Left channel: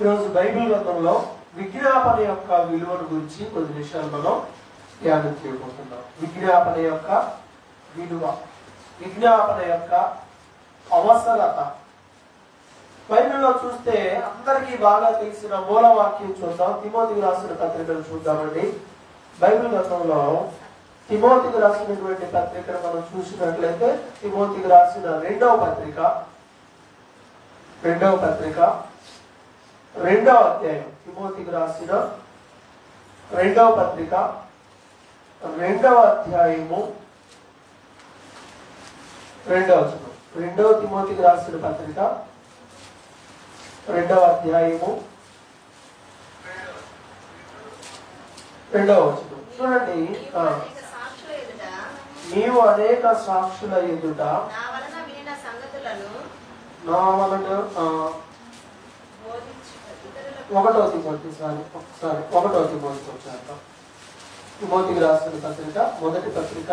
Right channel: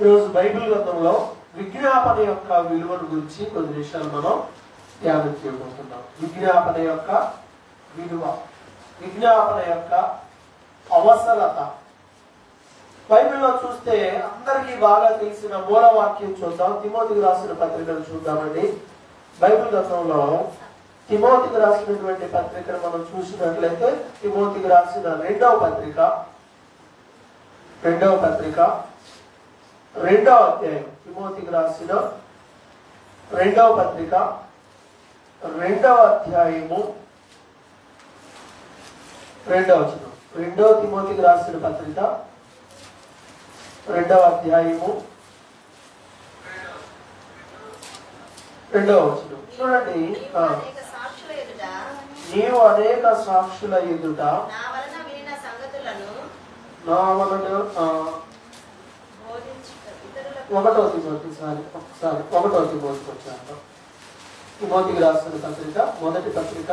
ఈరోజు బైబిల్ గ్రంథంలో విజ్ఞాపన యొక్క విలువను గురించి కొద్ది నిమిషాలు మనం ధ్యానం చేయబోతున్నాం. విజ్ఞాపన యొక్క విలువ, విజ్ఞాపన యొక్క అవసరత. బైబిల్లో చూస్తే అందరికీ బాగా తెలిసిన మూలవాక్యం చూద్దాం. తిమోతికి రాసిన పత్రికను చూద్దామండి. బైబిల్ గ్రంథంలో తిమోతికి రాసినటువంటి పత్రికను మనం చూసినట్లయితే తిమోతికి రాసిన రెండవ పత్రిక 2వ అధ్యాయం. తిమోతికి రాసిన రెండవ పత్రిక 2వ అధ్యాయము 2వ వచనం. 2వ తిమోతికి రాసిన పత్రిక 2వ అధ్యాయము 2వ వచనం చూడండి. నీవు అనేక సాక్షుల ఎదుట నా వలన 1వ తిమోతి వచ్చాక తిమోతికి రాసిన పత్రిక మొదటి పత్రిక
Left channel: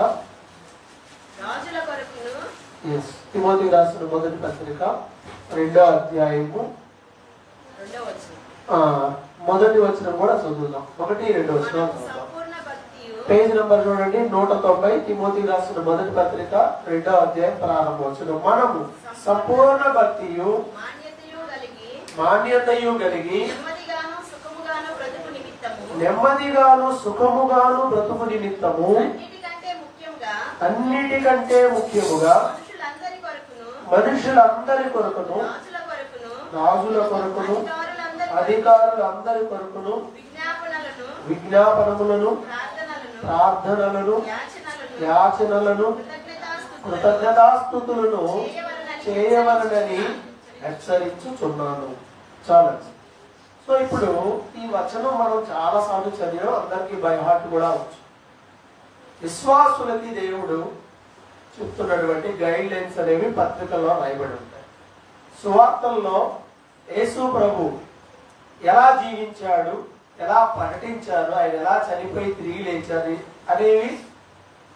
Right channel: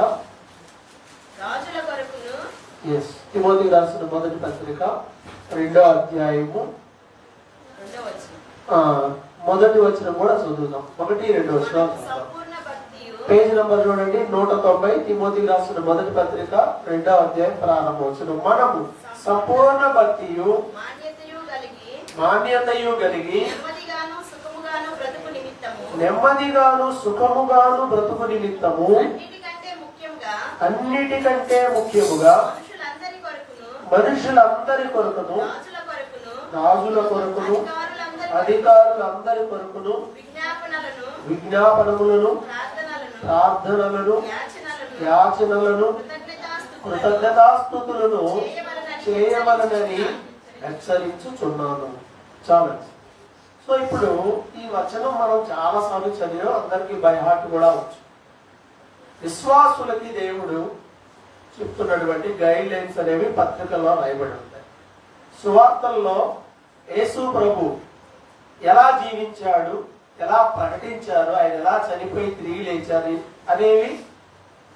తిమోతికి రాసిన మొదటి పత్రిక 2వ అధ్యాయము మొదటి వచనం కూడా చదువుదాం. 1-2 వచనం పేజ్ నంబర్ చూడండి 190. తిమోతికి రాసిన మొదటి పత్రిక 2వ అధ్యాయం ప్రారంభ వచనం. మనము సంపూర్ణ భక్తియు మాన్యతయు కలిగి నెమ్మదిగాను సుఖముగాను బ్రతుకు నిమిత్తము అన్నిటికంటే ముఖ్యముగా మనుషులందరి కొరకును రాజుల కొరకును అధికారులందరి కొరకును విజ్ఞాపనములను ప్రార్థనలను యాచనలను కృతజ్ఞతాస్తుతులను చేయవలనని హెచ్చరించుచున్నాను. చాలు. సో ఇప్పుడు ఈ వచనం మనం చాలా సార్లు చదివాం, అందరికీ బై హార్ట్ కూడా వచ్చు. విశ్వాసులకి దేవుడు చెప్తున్నటువంటి గైడ్ లైన్స్ అనేవి పత్రికల్లో రాయబడి ఉంటాయి. సువార్తల్లో యేసు ప్రభు ఎలా జీవించాడు, ఎలా ప్రకటించారు, ఆయన ఎలా చనిపోయి తిరిగి లేచారు అనేవి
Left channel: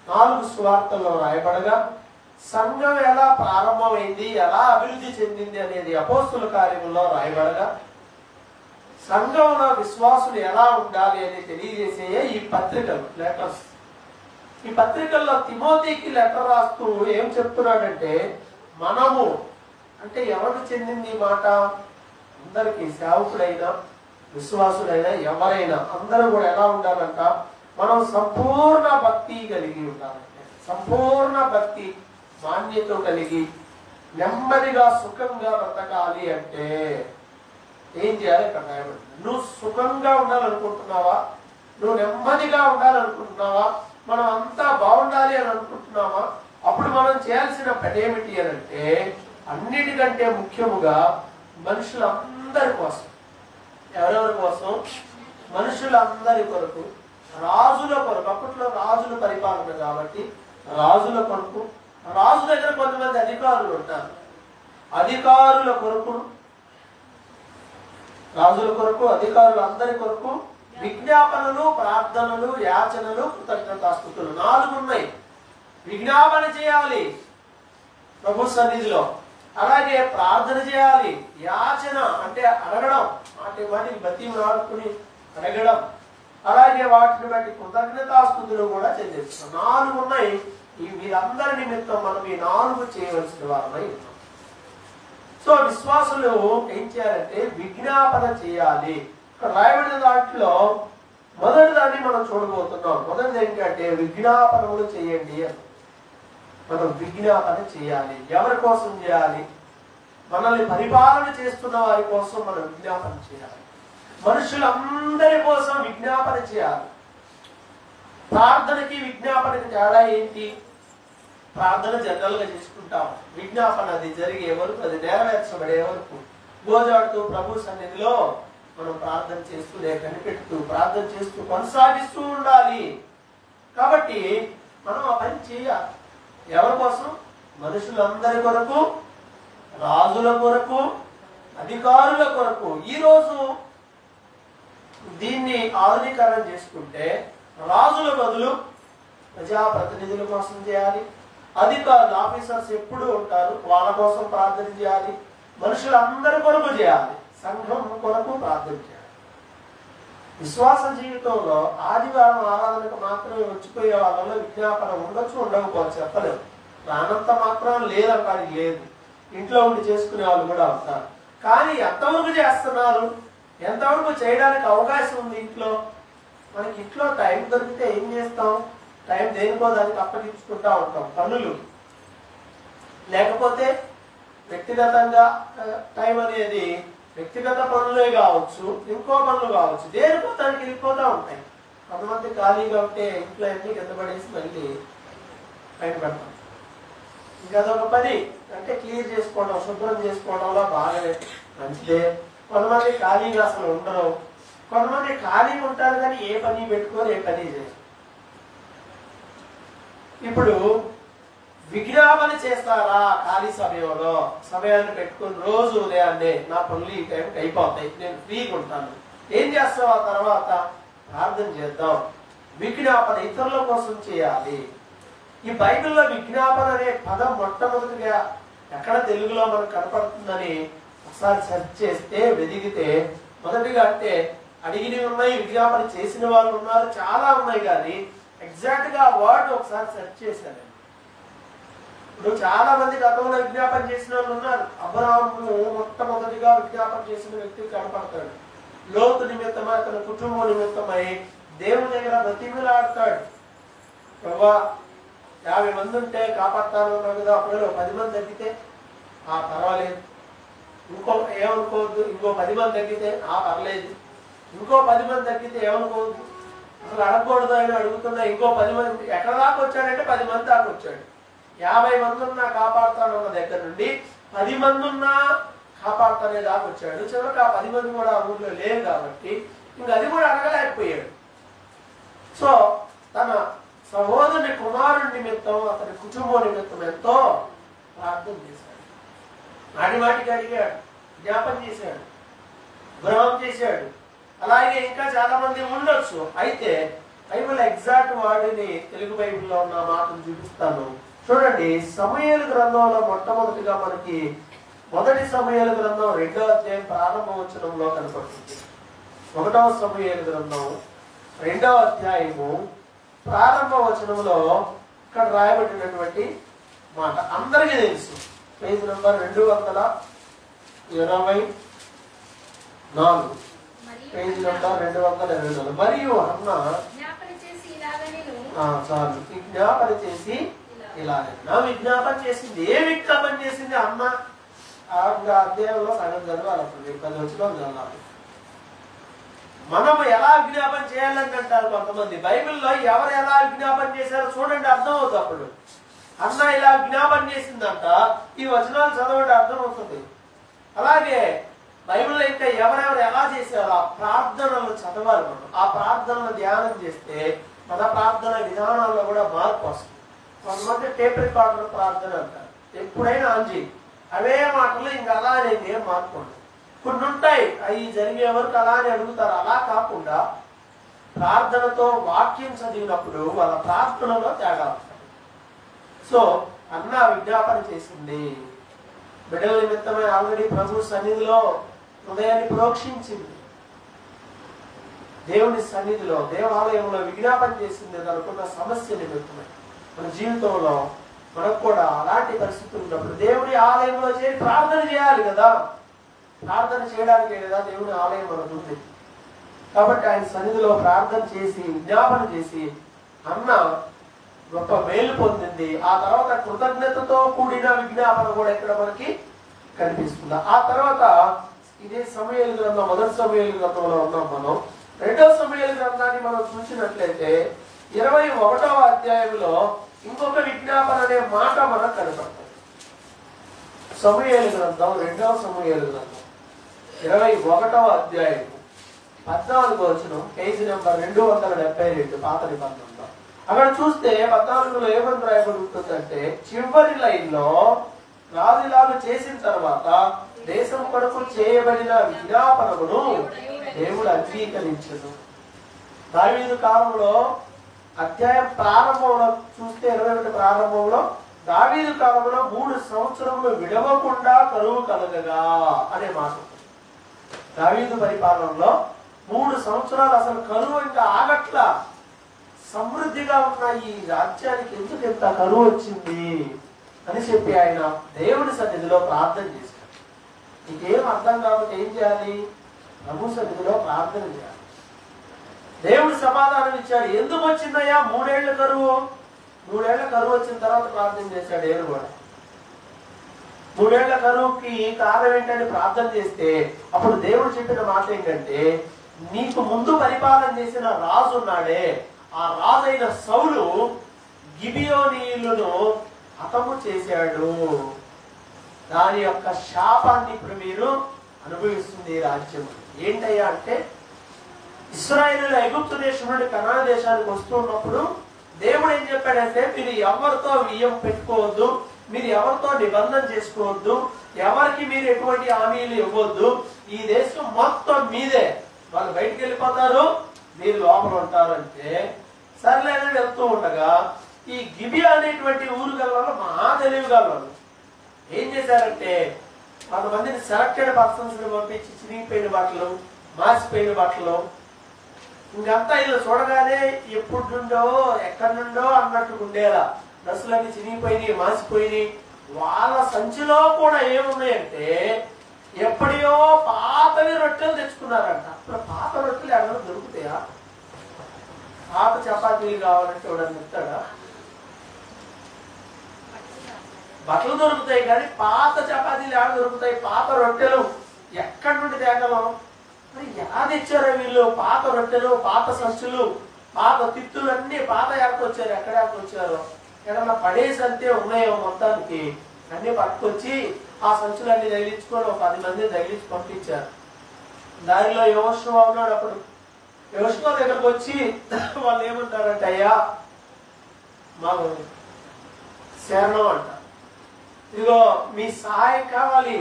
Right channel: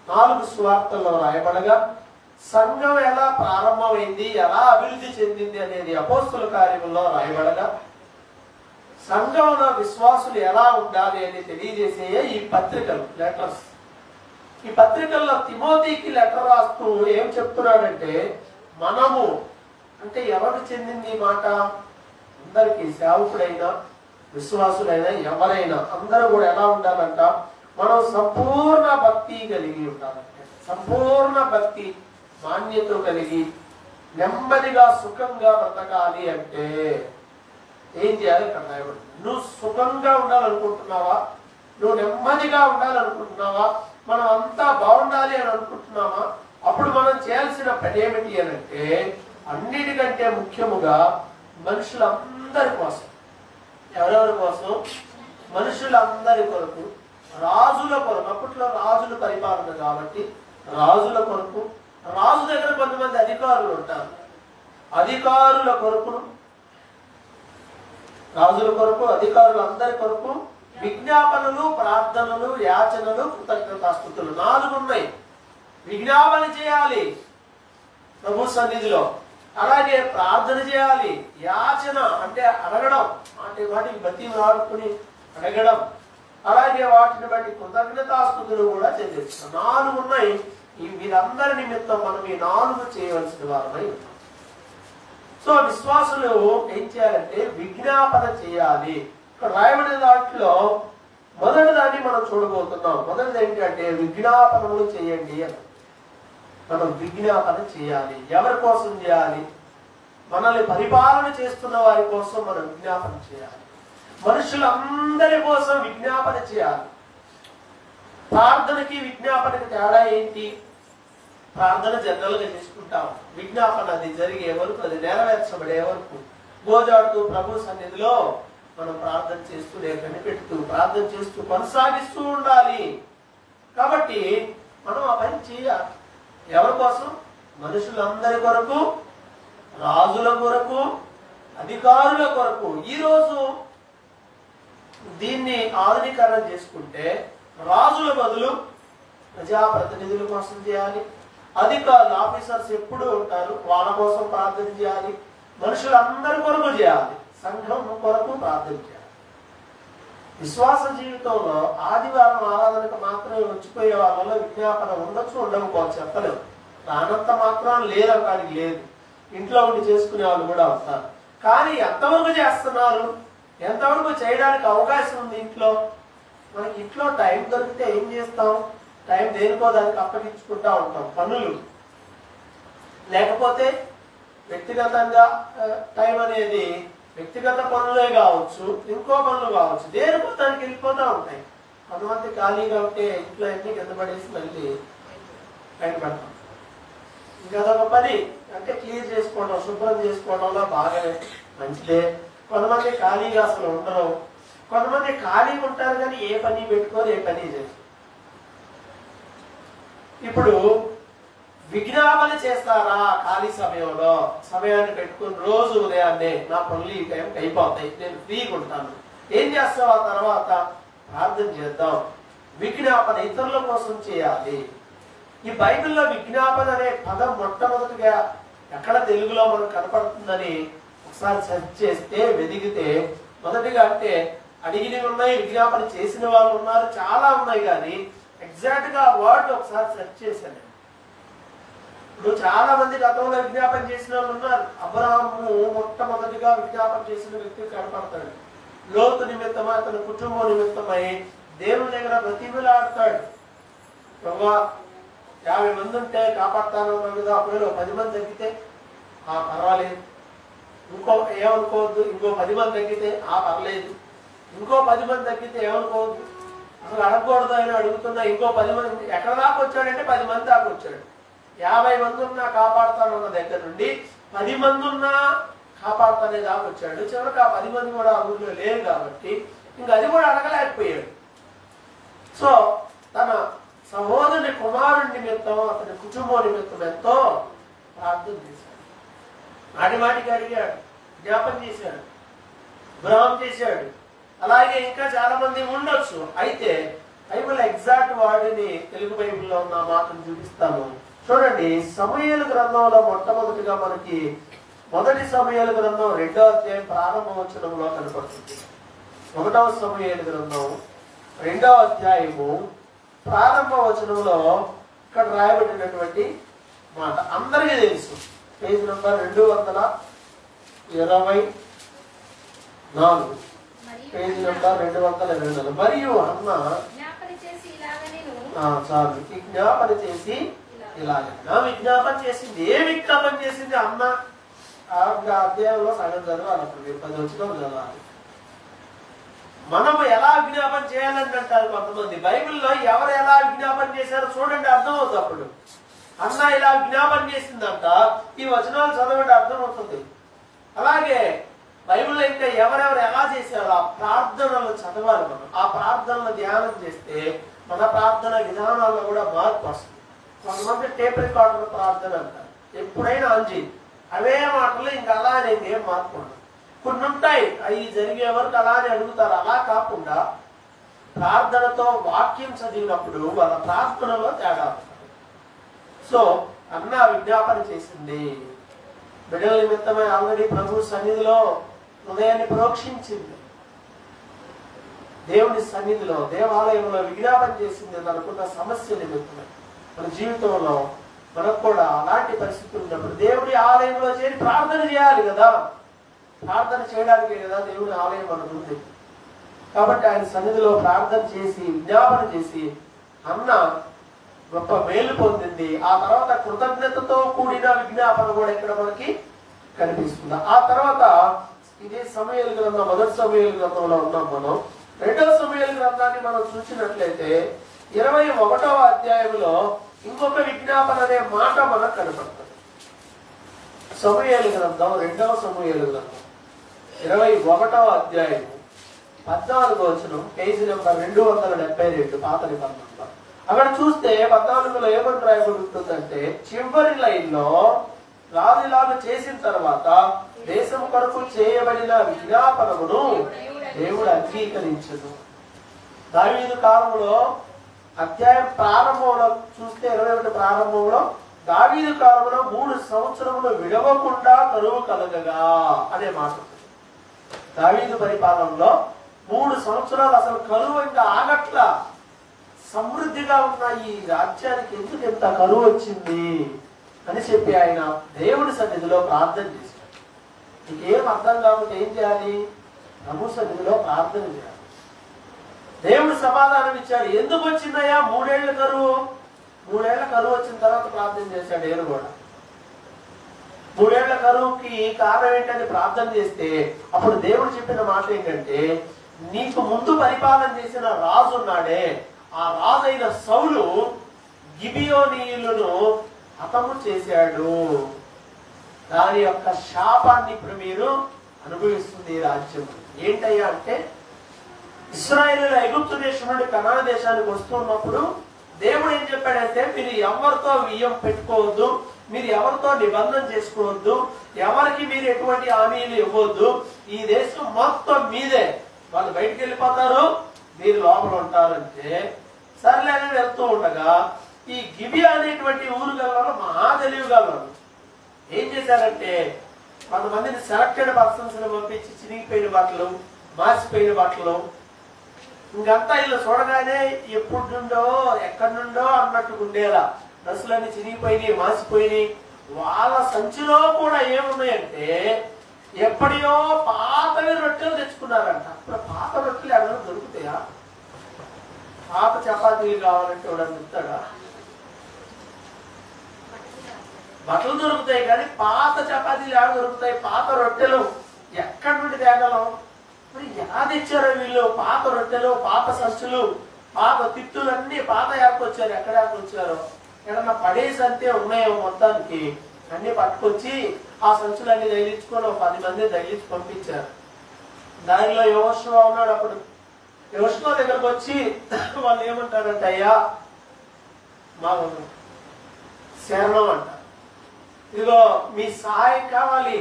4 సువార్తల్లో రాయబడగా, సంఘం ఎలా ప్రారంభమైంది, ఎలా అభివృద్ధి చెందింది అనేది అపోస్తుల కార్యముల్లో రాయబడగా, సంఘంలో విశ్వాసులు ఎలా ఉండాలి అని తెలియజేసే ఈ పత్రికలు, లెటర్స్. ఈ పత్రికల్లో తిమోతికి లెటర్ రాస్తూ ఏం చెప్తున్నాడంటే, మనము అంటే ఎవరికి చెందింది ఈ మాట? అందరికీ, సేవకుడైనా విశ్వాసులైనా ఎవరైనా అందరూ కూడా ఎలా ఉండాలంట? మనం సంపూర్ణ భక్తి కలిగి ఉండాలంటే, సంపూర్ణ భక్తి మాన్యత కలిగి నెమ్మదిగా సుఖంగా బ్రతకాలి అంటే ఏం చేయాలి? ఇక్కడ రాయబడింది. నువ్వు సుఖంగా ఉండాలనుకుంటున్నావా? నువ్వు నెమ్మదిగా ఉండాలనుకుంటున్నావా? మనం అంతా బాగుండాలి అని అనుకుంటున్నావా? అప్పుడు మనం చేయాల్సిన పని ఏమిటి అని అంటే, అన్నిటికంటే ముఖ్యముగా మనుషులందరి కోసం. ఎవరెవరి కోసం? మనుషులందరి కొరకు, రాజుల కొరకు. అప్పట్లో రాజుల పరిపాలన కాబట్టి రాజుల కొరకు, రాజు దగ్గర కొంతమంది అధికారులు ఉంటారు, అధికారుల కొరకు, రాజుల కొరకు, అధికారులు అందరి కొరకు విజ్ఞాపనలు, ప్రార్థనలు, యాచనలు, కృతజ్ఞతాస్తుతులు 4 ఉన్నాయి. విజ్ఞాపన చేయాలి ప్రభు సన్నిధిలో, అలాగే ప్రార్థన చేయాలి, యాచన అంటే అడగడం, వాటిని బతి ఆడుకుని అడగడం, అలాగే వాటిని బట్టి కృతజ్ఞతాస్తుతులు కూడా చెల్లిస్తాం. 4 ఉన్నాయి. వీరందరి నిమిత్తం మనం ఈ 4 చేయవలసిన వారమై ఉన్నాం. సో విశ్వాసులు ఏం చేయాలంటే విజ్ఞాపన చేయాలి. ఇక్కడ రాయబడిన దాంట్లో మొదటి దాన్ని మనం చూడబోతున్నాం. మొదటిది ఏంటంటే విజ్ఞాపనములు చేయండి అని. మనం విజ్ఞాపన చేయాలి. ఎవరి కోసం చేయాలి? మనల్ని పరిపాలన చేస్తున్న వారి కోసం మనం విజ్ఞాపన చేయాలి. మనుషులందరి కోసం విజ్ఞాపన చేయాలి. ప్రార్థనకి విజ్ఞాపనకి తేడా ఏంటి? ప్రార్థన జనరల్ గా చేసుకుంటాం. విజ్ఞాపన అది జరిగే వరకు, అది నెరవేర్చబడే వరకు గోజాడుతూ ప్రభు సన్నిధిలో మనం ప్రార్థన చేస్తూ, కనిపెడుతూ ప్రార్థన చేస్తూ కొనసాగిస్తూ ఉండాలి. కాబట్టి మనం ఆ పని చేయాలి. ఎవరి కోసం? మనుషులందరి కొరకు, రాజుల కొరకు, అధికారుల కొరకు. ఈరోజు దీన్ని ఆధునీకరణ చేసుకుంటే రాజుల బదులు ప్రజాప్రతినిధుల కోసం చేయాలి, అధికారులు ఆఫీసర్స్ ఎప్పుడు ఉంటారు, వాళ్ళ కోసం ప్రార్థన చేయాలి, మనుషులందరి కొరకు చేయాలి. సంఘం కొరకు ప్రార్థన చేయాలి. విశ్వాస జీవితంలో ఆదివారం ఆరాధనకు మాత్రమే వచ్చిపోయే వాళ్ళలో విజ్ఞాపన ఉండొచ్చు, ఉండకపోవచ్చు, చెప్పలేము. రానంత మాత్రం లేదంటానికి లేదు. ఇంట్లో ఉండి చేసుకునే వాళ్ళు కూడా అవుతారు. కానీ ఎంతవరకు చేస్తున్నారు, ఎంతవరకు చేయడానికి అవకాశం ఉంది ఇంట్లో? మనకి ఇంట్లో టైం దొరికితే ఏం చేస్తాం? టైం దేనికో దానికి అప్పగించుకుంటా ఉంటాం. పనులు లేకపోతే వ్యక్తిగతంగా టైం అనేది వ్యక్తిగత పనులే కావచ్చు, ఇంకో పనులు కావచ్చు, దేనికో దానికి వెళ్ళిపోతూ ఉంటాయి. కొంతమంది ఖాళీగా ఉంటే ఇంట్లో అన్ని కింద పడేసి మళ్ళీ పైన పెడతాం. ఇంకా అదొక పని అంటే క్లియర్ చేసుకోవడం, శుభ్రం చేసుకోవడంలో బాగానే మంచిదే. కొంతమంది ఖాళీగా అసలు ఉండరు, కొంతమంది ఖాళీగా ఉంటారు కానీ ఏ పని పెట్టుకొని ఏ పని చేయరు. ఇప్పుడు విజ్ఞాపన చేస్తారా? ఖాళీ సమయంలో సమయాన్ని పెట్టుకుని రోజు ఉదయాన్నే నా పనులు ఈ టైంకి అయిపోతాయి, నేను ఫ్రీగా ఉంటాను, ఏం చేస్తావు? ఆ తర్వాత ప్రార్థన చేద్దాం. విజ్ఞాపన ఇతరుల కోసం చేయాలి. ఈ బైబిల్లో విజ్ఞాపన అనే పదం మొట్టమొదటిగా ఎక్కడ తెలుగులో మనకు కనపడుతుందని ఒకసారి సెర్చ్ చేస్తే, వెదిగితే మొదటిగా అంటే అడిగినవి ఉన్నాయి, విజ్ఞాపన చేసిన వాళ్ళు ఉన్నారు, చాలా ఉన్నాయి. కానీ ఎగ్జాక్ట్ గా ఆ వర్డ్ ఒకసారి సెర్చ్ చేశాను. ఇప్పుడు చాలా మంది గతంలో విజ్ఞాపన చేసిన వాళ్ళు ఉన్నారు. అబ్రహాము మొట్టమొదటిగా విజ్ఞాపన చేసిన వ్యక్తి కనపడతాడు. లోతు నిమిత్తమై, అతని కుటుంబం నిమిత్తమై దేవుని దగ్గర బ్రతిమిలాడతాడు. ప్రభా 50 మంది ఉంటే కాపాడుతాను అన్నావు కదా, ఒకవేళ 10 మంది తగ్గితే పర్వాలేదు, ఇంకో ఏమనుకోవద్దు, ఇంకో 10 మంది తగ్గితే పర్లేదు, ఇంకో 10 మంది తగ్గితే ఏమనుకోవద్దు, అసలు అడగకూడదు అని అడుగుతున్నా. ఇంకో 10 మంది ఎక్కడ దాకా వచ్చాడంటే 10 మంది దాకా వచ్చాడు. 50 మంది ఉన్నా కాపాడుతానన్న దగ్గర నుండి 10 మంది ఉన్నా కాపాడుతానే దాకా వచ్చాడు. చివరికి ఆ 10 మంది కూడా ఆ ఊర్లో లేరు కాబట్టి ఇంక అది కూడా అడగలేకపోయాడు. సో తన సహోదరుని కుమారుడి నిమిత్తం, అతని కుటుంబం నిమిత్తం ఎంతో ప్రార్థన చేశాడు. మాటిమాటికి అడిగాడు, జ్ఞాపం చేశాడు, విరామం చేశాడు. అలాగే ఇంకా చాలా మంది ఉండొచ్చు. అయితే బైబిల్ ఎగ్జాక్ట్ వాడిని తెలుగు బైబిల్లో ఉన్న మాటను చూపిస్తాను. చూడండి, సమూయేలు గ్రంథంలో మొట్టమొదటిగా మనకి మొదటి సమూయేలు గ్రంథం 2వ అధ్యాయం ప్రారంభ వచనంలో కనపడుతుంది. 1వ సమూయేలు గ్రంథం 2వ అధ్యాయము ప్రారంభ వచనంలో ఇక్కడ రాయబడినటువంటి మాట అందరికీ తెలుసు. Page number 224, page number 224. మరియు అన్న చాలు విజ్ఞాపన చేసి ఇలాగైనా విజ్ఞాపన చేసింది. ఏ విజ్ఞాపన చేసింది? అన్న అధ్యాయంలో సగం చదవాలి, అప్పుడు 10 వచ్చిన చదవాలి. మనము ఎలా విజ్ఞాపన చేయాలని అంటారు కొంతమంది. బైబిల్లో ఎవరు ఎలా విజ్ఞాపన చేశారో చూడండి, అర్థమవుతుంది. అప్పుడు అన్న ఇలా విజ్ఞాపన చేసిందంట, ఈ వచనాలు చదవండి, అర్థమవుతుంది. అలాగే బైబిల్లో ఇంకా ఎవరెవరు ఎలా చేశారో ఆ ప్రార్థనలు చదవాలి. మనం ఆ ప్రార్థనలు ధ్యానం చేస్తే మన ప్రార్థన విధానాల్లో కూడా మార్పు వస్తుంది. కొంతమంది టేప్ రికార్డర్ ప్రార్థన అంటారు, ఎప్పుడైనా ఆంజీ అవే మాటలు ఇంకా అలానే ఏం మార్పు ఉండదు. కొన్ని ఉంటాయి అవి జరిగే వరకు అలానే అడుగుతారు. అలా కాకుండా ప్రార్థనతో వాక్యం చదివినప్పుడు వాళ్ళ ప్రార్థనలో తేడా వస్తుంది. సో అన్న విజ్ఞాపన చేసింది. బిడ్డల నిమిత్తమై ఆల్రెడీ ప్రభు సన్నిధిలో హృదయాన్ని ప్రోక్షించింది. దేవుని సన్నిధిలో దేవాలయంలో విజ్ఞాపన చేసింది తనకున్న సమస్య నిమిత్తమై. మన జీవితంలో మనకు కూడా అలాంటి పరిస్థితులు ఉన్నప్పుడు దేవుని ఆలయంలో చేరి ప్రార్థన చేయాలి కదా. ప్రార్థన చేయడానికే కదా దేవుని ఆలయం మనకు ఉంది. కాబట్టి ఆయన సన్నిధిలో ప్రార్థన చేసి విజ్ఞాపన చేసి అన్న గొప్ప మేలు పొందింది. ఆ తర్వాత కృతజ్ఞతతో కూడిన విజ్ఞాపన కూడా ఇక్కడ మనకి కనిపిస్తుంది. ఆ తర్వాత ఇదే సమూయేలు గ్రంథం, మొదటి సమూయేలు గ్రంథంలో ఉన్నాం మనం. 2వ సమూయేలు గ్రంథాన్ని మనం చూసినట్లయితే 21వ అధ్యాయంలో ఇంకొక విజ్ఞాపన అనే మాట మనకు కనపడుతుంది. సమూయేలు గ్రంథం 2వ సమూయేలు గ్రంథం 21వ అధ్యాయం 14వ వచనం, పేజీ నెంబర్ 272 పాత నిబంధనలో. అక్కడ చూస్తే 14లో ఏమని రాయబడి ఉంటుందంటే, చివరి లైన్ లో రాజులాగా చేసిన తర్వాత దేశం కొరకు చేయబడిన విజ్ఞాపనమును దేవుడు అంగీకరించను. దావీదు కాలంలో అధ్యాయం ప్రారంభంలో చూస్తే 21 ప్రారంభంలో దావీదు కాలంలో 3 సంవత్సరములు విడవకుండా కరువు కలగగా అనే మాట. దావీదు పరిపాలనలో 3 సంవత్సరాలు అసలు కరువు ఇంకా ఆగట్లా. సమృద్ధిగా ఉన్న ఈ రాజ్యానికి ఎందుకు ఎంత కరువు వచ్చింది అని చెప్పి ఆయన దేవుడి సన్నిధిలో ప్రార్థన చేశాడు. నీకేం అర్థం కాకపోతే ఏం చేయాలి? ప్రభు సన్నిధిలో ప్రార్థన చేయాలి. దేవుడు సమాధానం ఇచ్చాడు. ఎందుకు వచ్చిందయ్యా 3 ఏళ్ల కరువు? 3 ఏళ్ల కరువు వచ్చిన తర్వాత ప్రార్థన చేశాడు. నేను కూడా 3 ఏళ్ల కరువుకి కారణం ఏంటంటే ప్రార్థన చేస్తే అప్పుడు దేవుడు చెప్పిన మాట ఏంటంటే, నీకు ముందు పరిపాలన చేసిన రాజు ఉన్నాడే, ఆ రాజైన సౌలు గిబియోనీయులను హతము చేశాడు. దాని యొక్క శాపాన్ని ఇప్పుడు మీరు అనుభవిస్తుంది ఈ రాజ్యం. ఏంటయ్యా అంటే, ఇశ్రాయేలు ఎగుప్తు దేశం నుండి కనాను దేశానికి వస్తున్నప్పుడు దేవుడు ఏం చెప్పాడంటే, మీరు ఎవరితో వియ్యం పెట్టుకోవద్దు, మీరు ఎవరితో నిబంధన చేసుకోవద్దు, ఎవరికి మీరు ఎటువంటి హామీలు ఇవ్వద్దు, ఈ దేశం మొత్తం మీదే, వాళ్ళు బయటికి వెళ్ళిపోతారు, మీరు లోపల ఉంటారంటే సర్లేదని వెళ్తూ ఉండగా ఈ గిబియా అనేటువంటి ఊరు గల మహా తెలివి గల ఏం చేశారంటే, కొంతమందిని సెలెక్టెడ్ పర్సన్స్ పంపించి చిరిగిపోయిన బట్టలు, మార్చిపోయిన బట్టలు, ఇంకంతా ఇలా చూడగానే ఎప్పుడు నుండో ఎక్కడి నుండో అన్నట్టు ఉండేలా డ్రెస్సులన్నీ చిరిగిపోయినాయి, మాసిపోయినాయి. వాళ్ళ సంచిలో కూడా ఏమున్నాయంటే ఎప్పటియో పాతవి రొట్టెలు తెచ్చుకున్నారంట. ఇప్పుడు పాత రొట్టెలు ఎవరైనా దొరుకుతాయా? పాత చపాతీలు కావాలంటే ఎవడన్నా ఇస్తాడా? బట్టలు దొరుకుతాయి కానీ పాత చపాతీలు ఎవరు దొరుకుతాయి? పాత రొట్టెలు ఎక్కడి నుండి తేగలం? మరి ఎలా తెచ్చారో వీళ్ళు? పాత రొట్టెలు, పాత సంచులు, పాత తిత్తులన్నీ పాత ఏర్కొచ్చారు. ఎక్కడ ఏర్కొచ్చారో ఏదన్నా పడేసి అంతే ఉన్నాయేమో మొత్తానికి అన్ని పట్టుకొచ్చి ఆ సంచులన్నీ తగిలించుకొని 10 మంది తగిలించి పంపించారు. దానిలో యెహోషువ ఉన్నాడు. అప్పుడు యెహోషువ దగ్గరకు వచ్చి వాళ్ళు ఏమంటారంటే, అయ్యా మా శరణం అంట, ఇదిగో మీ సహాయం కావాలి,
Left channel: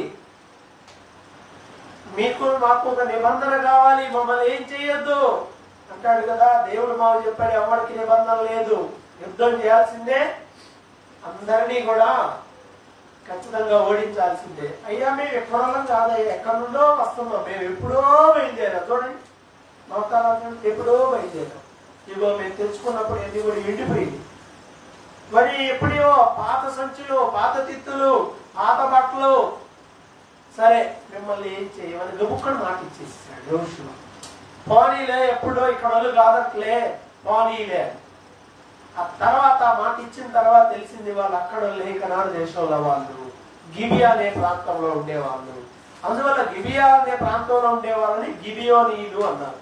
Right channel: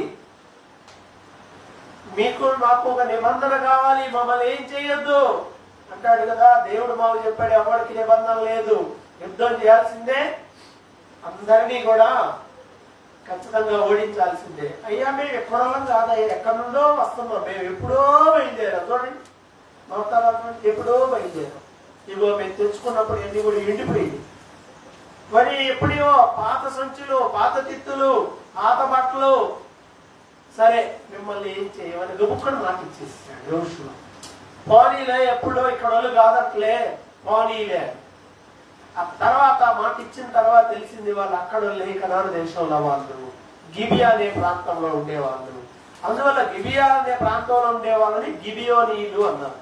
మీకు మాకు ఒక నిబంధన కావాలి, మమ్మల్ని ఏం చేయొద్దు అంటాడు కదా. దేవుడు మాకు చెప్పాడు, ఎవరికి నిబంధన లేదు, యుద్ధం చేయాల్సిందే, అందరినీ కూడా ఖచ్చితంగా ఓడించాల్సిందే. అయ్యా మేము ఎక్కడోళ్ళం కాదయ్యా, ఎక్కడి నుండో వస్తున్నాం, మేము ఎప్పుడో బయలుదేరాం. చూడండి నవతరాలు ఎప్పుడో బయలుదేరాం. ఇగో మేము తెచ్చుకున్నప్పుడు ఎన్ని కూడా ఎండిపోయింది. మరి ఎప్పుడో పాత సంచులు, పాత తిత్తులు, పాత బట్టలు, సరే మిమ్మల్ని ఏం చేయమని గబుక్కని మాట ఇచ్చేసాడు యెహోషువ. పోనీలే, ఎప్పుడో ఇక్కడ వాళ్ళు కాదట్లే, పోనీలే. ఆ తర్వాత మాట ఇచ్చిన తర్వాత తెలిసింది వాళ్ళు అక్కడ కనాను దేశంలో వాళ్ళు గిబియా అనే ప్రాంతంలో ఉండేవాళ్ళు. అందువల్ల గిబియా అనే ప్రాంతంలో ఉండే వాళ్ళని గిబియోనీయులు అన్నారు.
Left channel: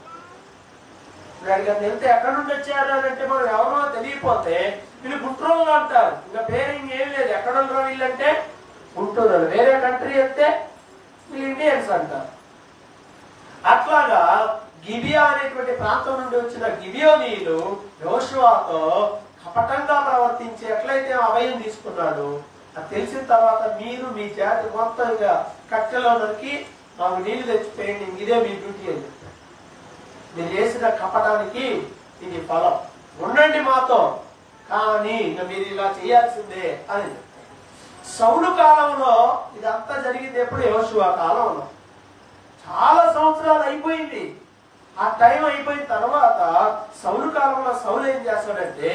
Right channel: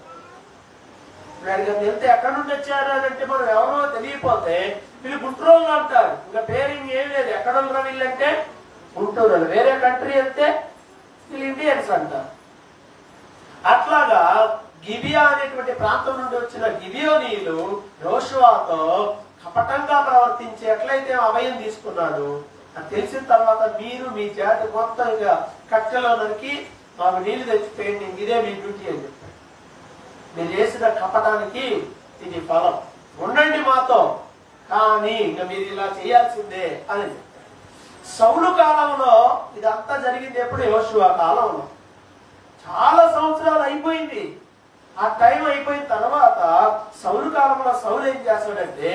అడిగా వెళ్తే ఎక్కడి నుండి వచ్చారు అని అంటే మనం ఎవరో తెలియపోతే వీళ్ళు గుంటూరు అంటారు. ఇంకా పేరింగ్ ఏం లేదు. ఎక్కడ ఉండరు వీళ్ళంటే గుంటూరు. వేరే కంట్రీ వెళ్తే వీళ్ళు ఇండియన్స్ అంటారు. అట్లాగా గిబియా అనేటువంటి ప్రాంతం నుండి వచ్చిన గిబియోనీయులు యెహోషువతో కపటంగా ప్రవర్తించి ఎట్లయితే అభయం తీసుకున్నాడు అది తెలిసిన తర్వాత మీరు మీ జాతి మొత్తం ఇక కట్టెలో నరికి మాకు నీళ్లు తెచ్చిపోయండి, ఇదే మీ డ్యూటీ అని చెప్పాడు. మీరు చేసిన కపటానికి ఇది ఫలం, ఉండండి మాతో, కానీ ఇక మీరు ఇలా చేయాల్సిందే అని చెప్పాడు. సౌలు కాలంలో ఇదంతా జరిగింది ఎప్పుడు? యెహోషువ కాలంలో. చాలా సంవత్సరాలు అయిపోయింది. ఆ టైం అయిపోయిన తర్వాత సౌలు కాలంలో సౌలు ఏం చేస్తాడంటే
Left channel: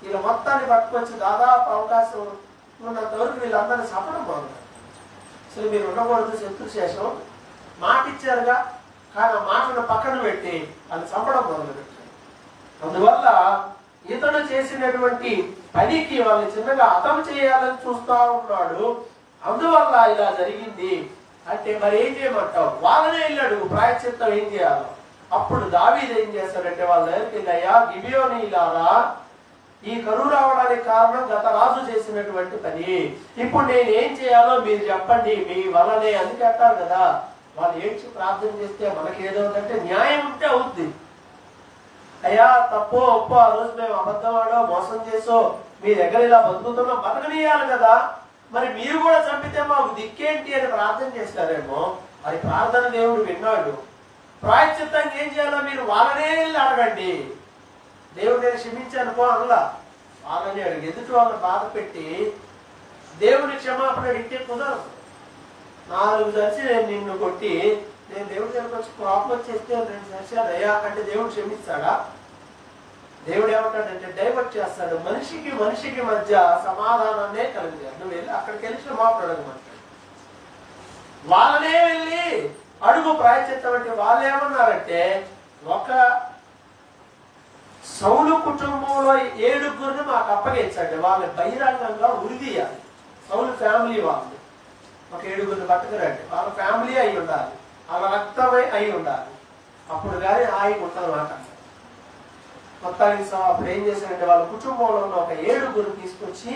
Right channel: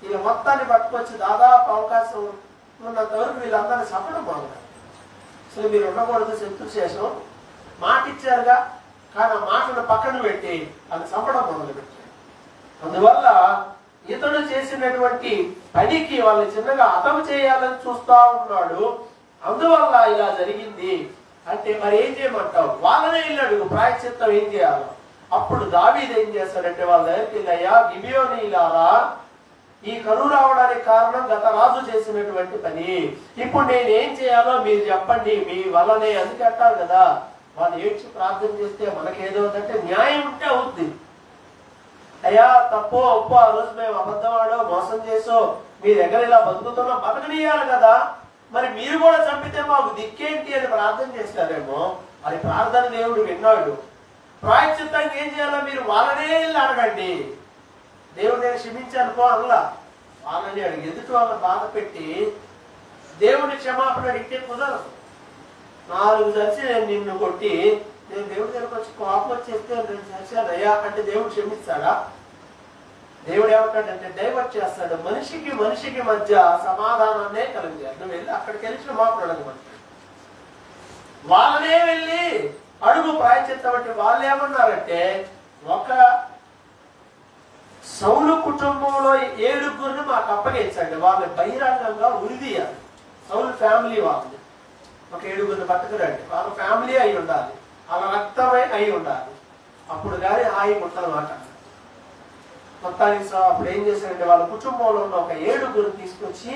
వీళ్ళ మొత్తాన్ని పట్టుకొచ్చి దాదాపు అవకాశం ఉన్నంత వరకు వీళ్ళందరినీ చంపడం మొదలుపెట్టారు. అసలు మీరు ఉండకూడదు, శత్రు శేషం మాట ఇచ్చారుగా, కానీ ఆ మాటను పక్కన పెట్టి అది చంపడం మొదలుపెట్టారు. అందువల్ల ఇతడు చేసినటువంటి పనికి వాళ్ళని చిన్నగా హతం చేయాలని చూస్తా ఉన్నాడు. అందువల్ల ఇలా జరిగింది. అంటే మరి ఏం చేయమంటావు? వాళ్ళనే వెళ్ళాడు ప్రాయశ్చిత్తం ఏం చేయాలో. అప్పుడు దావీదు ఏం చేస్తాడంటే వాళ్ళ దగ్గరికి వెళ్ళయ్యా, గిబియోనీయులారా, ఈ కరువు రావడానికి కారణం గత రాజు చేసినటువంటి పని. ఇప్పుడు నేనేం చేయాలో మీరు చెప్పండి, మీ వల్లనే. అందుకే అంటారు కదా, వాళ్ళు ఏడ్చి ప్రార్థన చేస్తే మనకేదో ఉందంటే న్యాయం ఉంటే అవుద్ది. అయ్యా తప్పో ఒప్పో, ఆ రోజు మేము అబద్ధమాడో మోసం చేసో మీ దగ్గర ఇలా బతుకుతున్నాం, బతకనీయాలి కదా, మరి మీరు కూడా చంపితే మాకు దిక్కేంటి అని ప్రార్థన చేస్తారేమో. అది ప్రార్థన దేవుడు విన్నాడు. ప్రాయశ్చిత్తంగా ఏం చేయాలో మీరు వాళ్ళనే వెళ్ళి అడగండి. దేవుడు నేను క్షమించాను పో అనలా, వాళ్ళని అడిగి ఎదుటి వాళ్ళని బాధ పెట్టి దేవుని క్షమాపణ అడిగితే కుదరదు. 4 దర్శి నేను నిన్ను కొట్టి నేను దేవుడి దగ్గరకు వచ్చి కోపం వచ్చేస్తే 2 సంవత్సరాలు అయ్యా అంటే దేవుడు క్షమిస్తాడా? దేవుడు ఏమంటాడంటే డైవర్ట్ చేస్తాడు. మనిషికి మనిషికి మధ్య సమాధానాన్నే కలిగారు. నువ్వు వెళ్ళి అక్కడికి వెళ్ళి క్షమాపణ అడగమంటాడు. వాళ్ళనే వెళ్ళి అడుగు ప్రాయశ్చిత్తం అంటే వాళ్ళు ఏమన్నారంటే, ఒక సౌలు కుటుంబంలో 7 మాకు అప్పగించండి, వాళ్ళు బహిరంగంగా ఉరిదీయాలి. సౌలు ఫ్యామిలీ వాళ్ళు ఒక 7 పట్టుకురండి, వాళ్ళ ఫ్యామిలీ అయి ఉండాలి, వాళ్ళ రక్తమై అయి ఉండాలి, అప్పుడు కానీ హాయి ఉంటుందన్నమాట. మొత్తానికి అప్పుడు ఏం చేశాడంటే వాళ్ళ కుటుంబంలో ఉన్న ఒక 7 తీసుకొచ్చి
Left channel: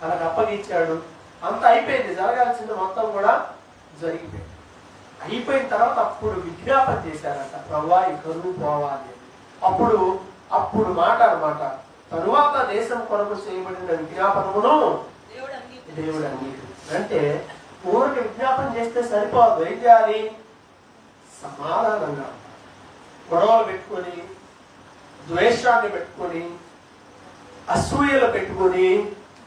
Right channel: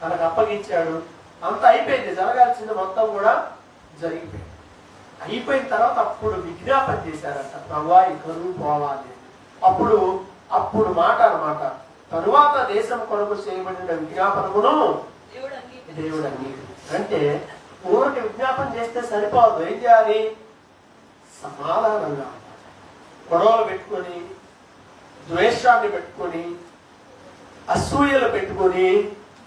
వాళ్ళకి అప్పగించాడు. అంత అయిపోయింది, జరగాల్సింది మొత్తం కూడా జరిగిపోయింది. అయిపోయిన తర్వాత అప్పుడు విజ్ఞాపన చేశారంట, ప్రభువా ఈ కరువు పోవాలి. అప్పుడు మాట అన్నమాట, తరువాత దేశం కొరకు చేయబడిన విజ్ఞాపనమును దేవుడు అంగీకరించాడు. అంటే ఊరికి విజ్ఞాపన చేస్తే సరిపోదు, ఏం చేయాలి? సమాధానంగా గొడవలు పెట్టుకొని, ద్వేషాన్ని పెట్టుకొని, అసూయలు పెట్టుకొని,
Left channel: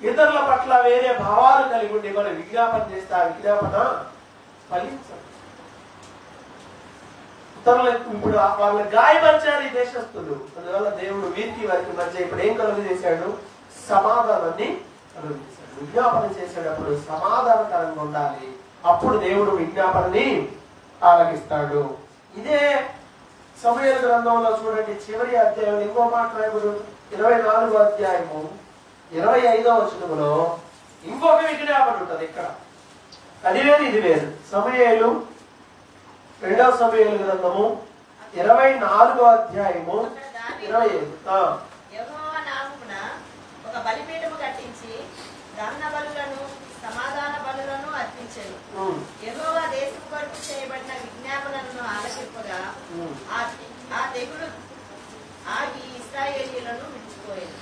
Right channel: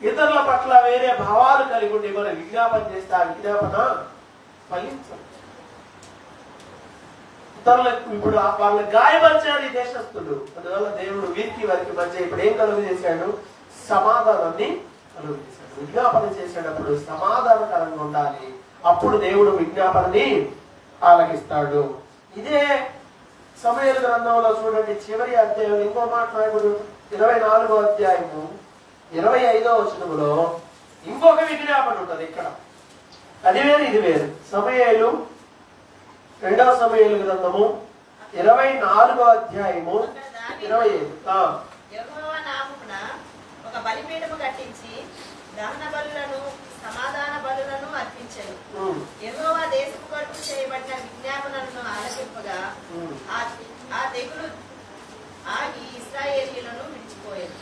ఇతరుల పట్ల వేరే భావాలు కలిగి ఉండి మనం విజ్ఞాపన చేస్తే ఆ విజ్ఞాపన ఫలించదు. ఇతరులకు ఇప్పుడు వాళ్ళని గాయపరిచారు ఈ దేశస్తులు. అందువల్ల దేవుడు వీరికి వారికి మధ్య ఇప్పుడు ఏం కలుగు చేశాడు? సమాధానాన్ని కలుగు చేశాడు. విజ్ఞాపన చేసేటప్పుడు సమాధానకరంగా ఉండాలి, అప్పుడు దేవుడు విజ్ఞాపనని ఆలకిస్తాడు. ఇదే సమూయేలు గ్రంథంలో చూడండి, చివరి అధ్యాయం ఇంకో మాట రాయబడు 24వ అధ్యాయము 25వ వచనములో ఇంకొక విజ్ఞాపన ఉంటది. ఇక్కడ అది వేరు ఇది వేరు. సమూయేలు 2వ సమూయేలు గ్రంథము 24వ అధ్యాయము 25. యెహోవా నామమున ఒక బలిపీఠము కట్టించి దహన బలులను సమాధాన బలులను అర్పించెను. యెహోవా దేశం కొరకు చేయబడిన విజ్ఞాపనలను ఆలకింపగా ఆ తెగులు ఆగి ఇశ్రాయేలీయులను విడిచిపోయేది.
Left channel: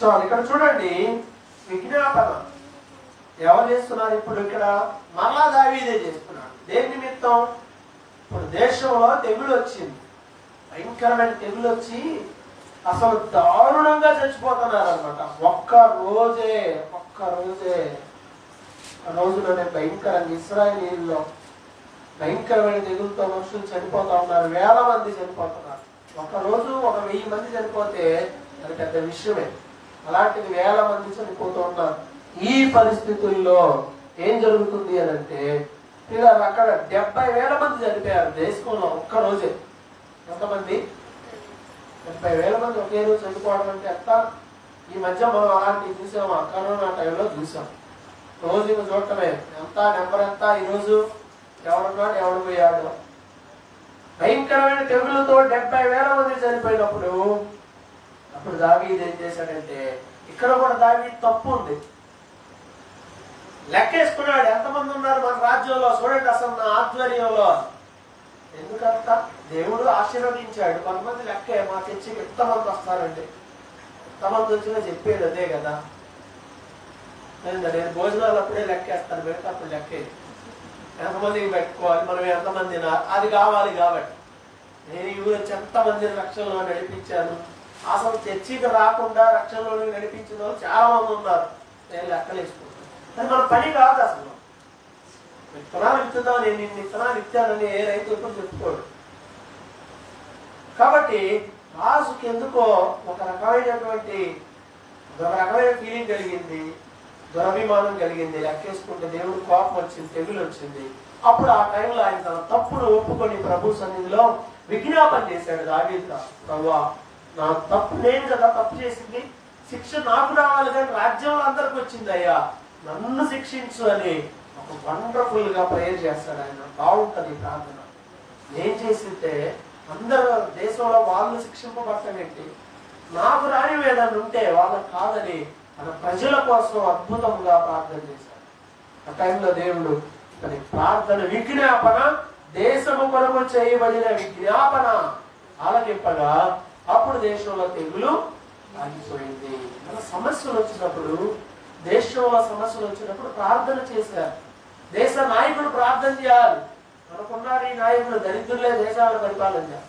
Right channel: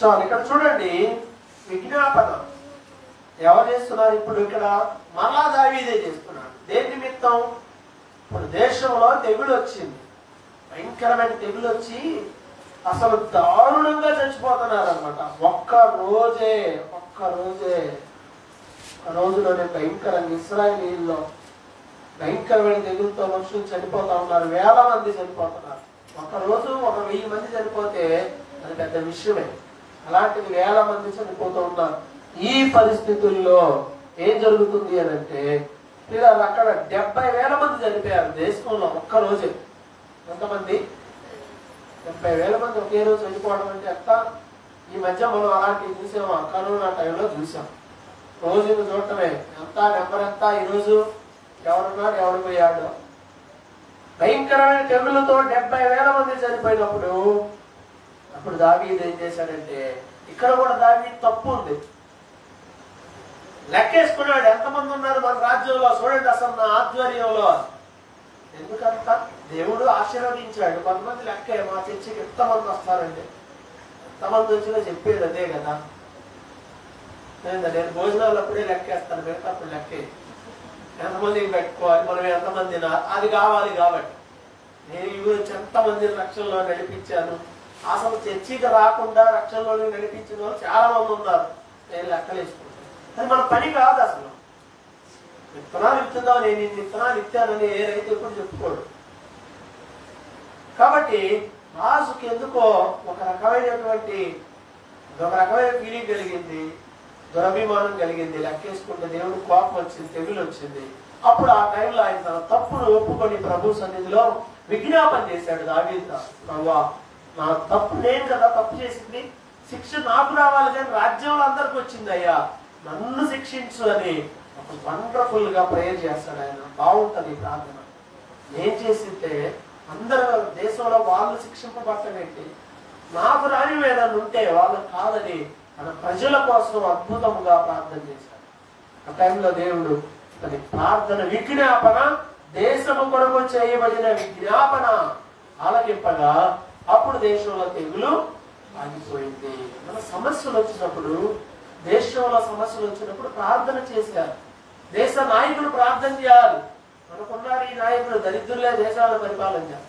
చాలు, ఇక్కడ చూడండి విజ్ఞాపన ఎవరు చేస్తున్నారు? ఇప్పుడు ఇక్కడ మరలా దావీదే చేస్తున్నాడు. దేని నిమిత్తం? ఇప్పుడు దేశంలో తెగులు వచ్చింది, భయంకరమైన తెగులు వచ్చి అసలు దారుణంగా చచ్చిపోతున్నారు అనమాట. ఒక్క రోజులోనే భయంకరంగా ఇశ్రాయేలీయుల్లో భయంకరమైన తెగులతో మనుషులు చనిపోతా ఉన్నారు. 1000 మంది చనిపోతున్నారు. ఒక రోజు ఒక 1000 మంది చనిపోతే అది పెద్ద విషయమే. అలాంటిది 1000 మంది చనిపోతూ ఉన్నారు. ఈ పరిస్థితుల్లో ఏం జరుగుతుంది అని అంటే, అక్కడ 70,000 మంది చనిపోయారు దేశంలో ఒక్క రోజు. ఎంతమంది? 70,000 మంది ఒకే రోజు చనిపోవడం అంటే ఎంత? ఈ మధ్య మనం అలాంటివి చూసాము, కరోనా టైంలో చూసాం. రోజును చూడటమే, ఎంత నెంబర్ ఎంత, ఈరోజు ఎవడున్నాడు ఎవడు పోయాడు. భయంకరమైన తెగులతో 70,000 మంది చనిపోయినప్పుడు అప్పుడు దావీదు ఏం చేశాడంటే, ఇక్కడ కూడా దావీదు తప్పు ఉంది. లెక్కేసుకున్నాడు, ఎంతమంది ఉన్నారు మన రాజ్యంలో చూడండి, అసలు నా ఆధ్వర్యంలో. ఎందుకంత దేవుడు ఆశీర్వదించాడు. కొంతమంది లెక్కే, మా చర్చికి ఎంతమంది వస్తారండి, ఎంతమంది వచ్చినా చెప్పేది అదే కదా. నేను భోజనాలు అప్పుడే లెక్కేస్తాను, మిగతా అప్పుడు లెక్కే ఎంతమందికి పెట్టుకోవాలి, మనం ఎంతమంది అది కావాలి. కాబట్టి నేను ఈ ఊరు వచ్చి ఎంతమందిని రక్షణలో నడిపించాను. అసలు చర్చికి రాకుండా రక్షణలో నడిపించిన వాళ్ళు చాలా మంది ఉన్నారు. నేను లెక్కలేసుకుంటాను. అది మన పని కాదు. అసలు విత్తనాలు విత్తుదాం, నేను ఇన్ని విత్తనాలు ఇచ్చానని ఏ రైతు ఎప్పుడు చెప్పుకోడు. కాబట్టి రాజుకి ఎందుకో ఒక రకమైన ఫీలింగ్ కలిగింది, దురభిమానం కలిగింది. లెక్కేసుకుంటే దేవుడు కోపం వచ్చింది, తెగులు వచ్చింది. అప్పుడు ఆ టైంలో ఆయన తన తప్పును ఒప్పుకొని ప్రభు సన్నిధిలో విజ్ఞాపన చేశాడు దావీదు. ప్రభువా, నా తప్పు, నేను కదా తప్పు చేసింది, శిక్ష నాకు రావాలి కానీ రాజ్యంలో అందరికి వచ్చింది అయ్యా, నన్ను శిక్షించు అని ఒక వండర్ఫుల్ గా ప్రేయర్ చేస్తాడు ఆయన. బాగుంటది ప్రార్థన. నేను చేసింటే అందరూ దేశంలో వాళ్ళు శిక్షింపబడటం ఏంటి, నాకు రాని ఏదన్నా ఉంటే వాళ్ళకి కాదని తన ప్రజల కోసం అద్భుతంగా ప్రార్థన చేశాడు. ఆ టైంలో దేవుడు తన ప్రార్థన విజ్ఞాపన, దేశము కొరకు చేయబడిన విజ్ఞాపన ఆలకింపగా అప్పుడు దేశంలో తెగులు ఆగిపోయింది. మన సమస్యలు వచ్చినప్పుడు, దేశంలో సమస్యలు వచ్చినప్పుడు ప్రార్థన చేశారు. దేశ నాయకులు ప్రార్థన చేయాలి. మనకున్నారు ఈ నాయకులు, దరిద్రులే దేశాలను పరిపాలన చేయాలి.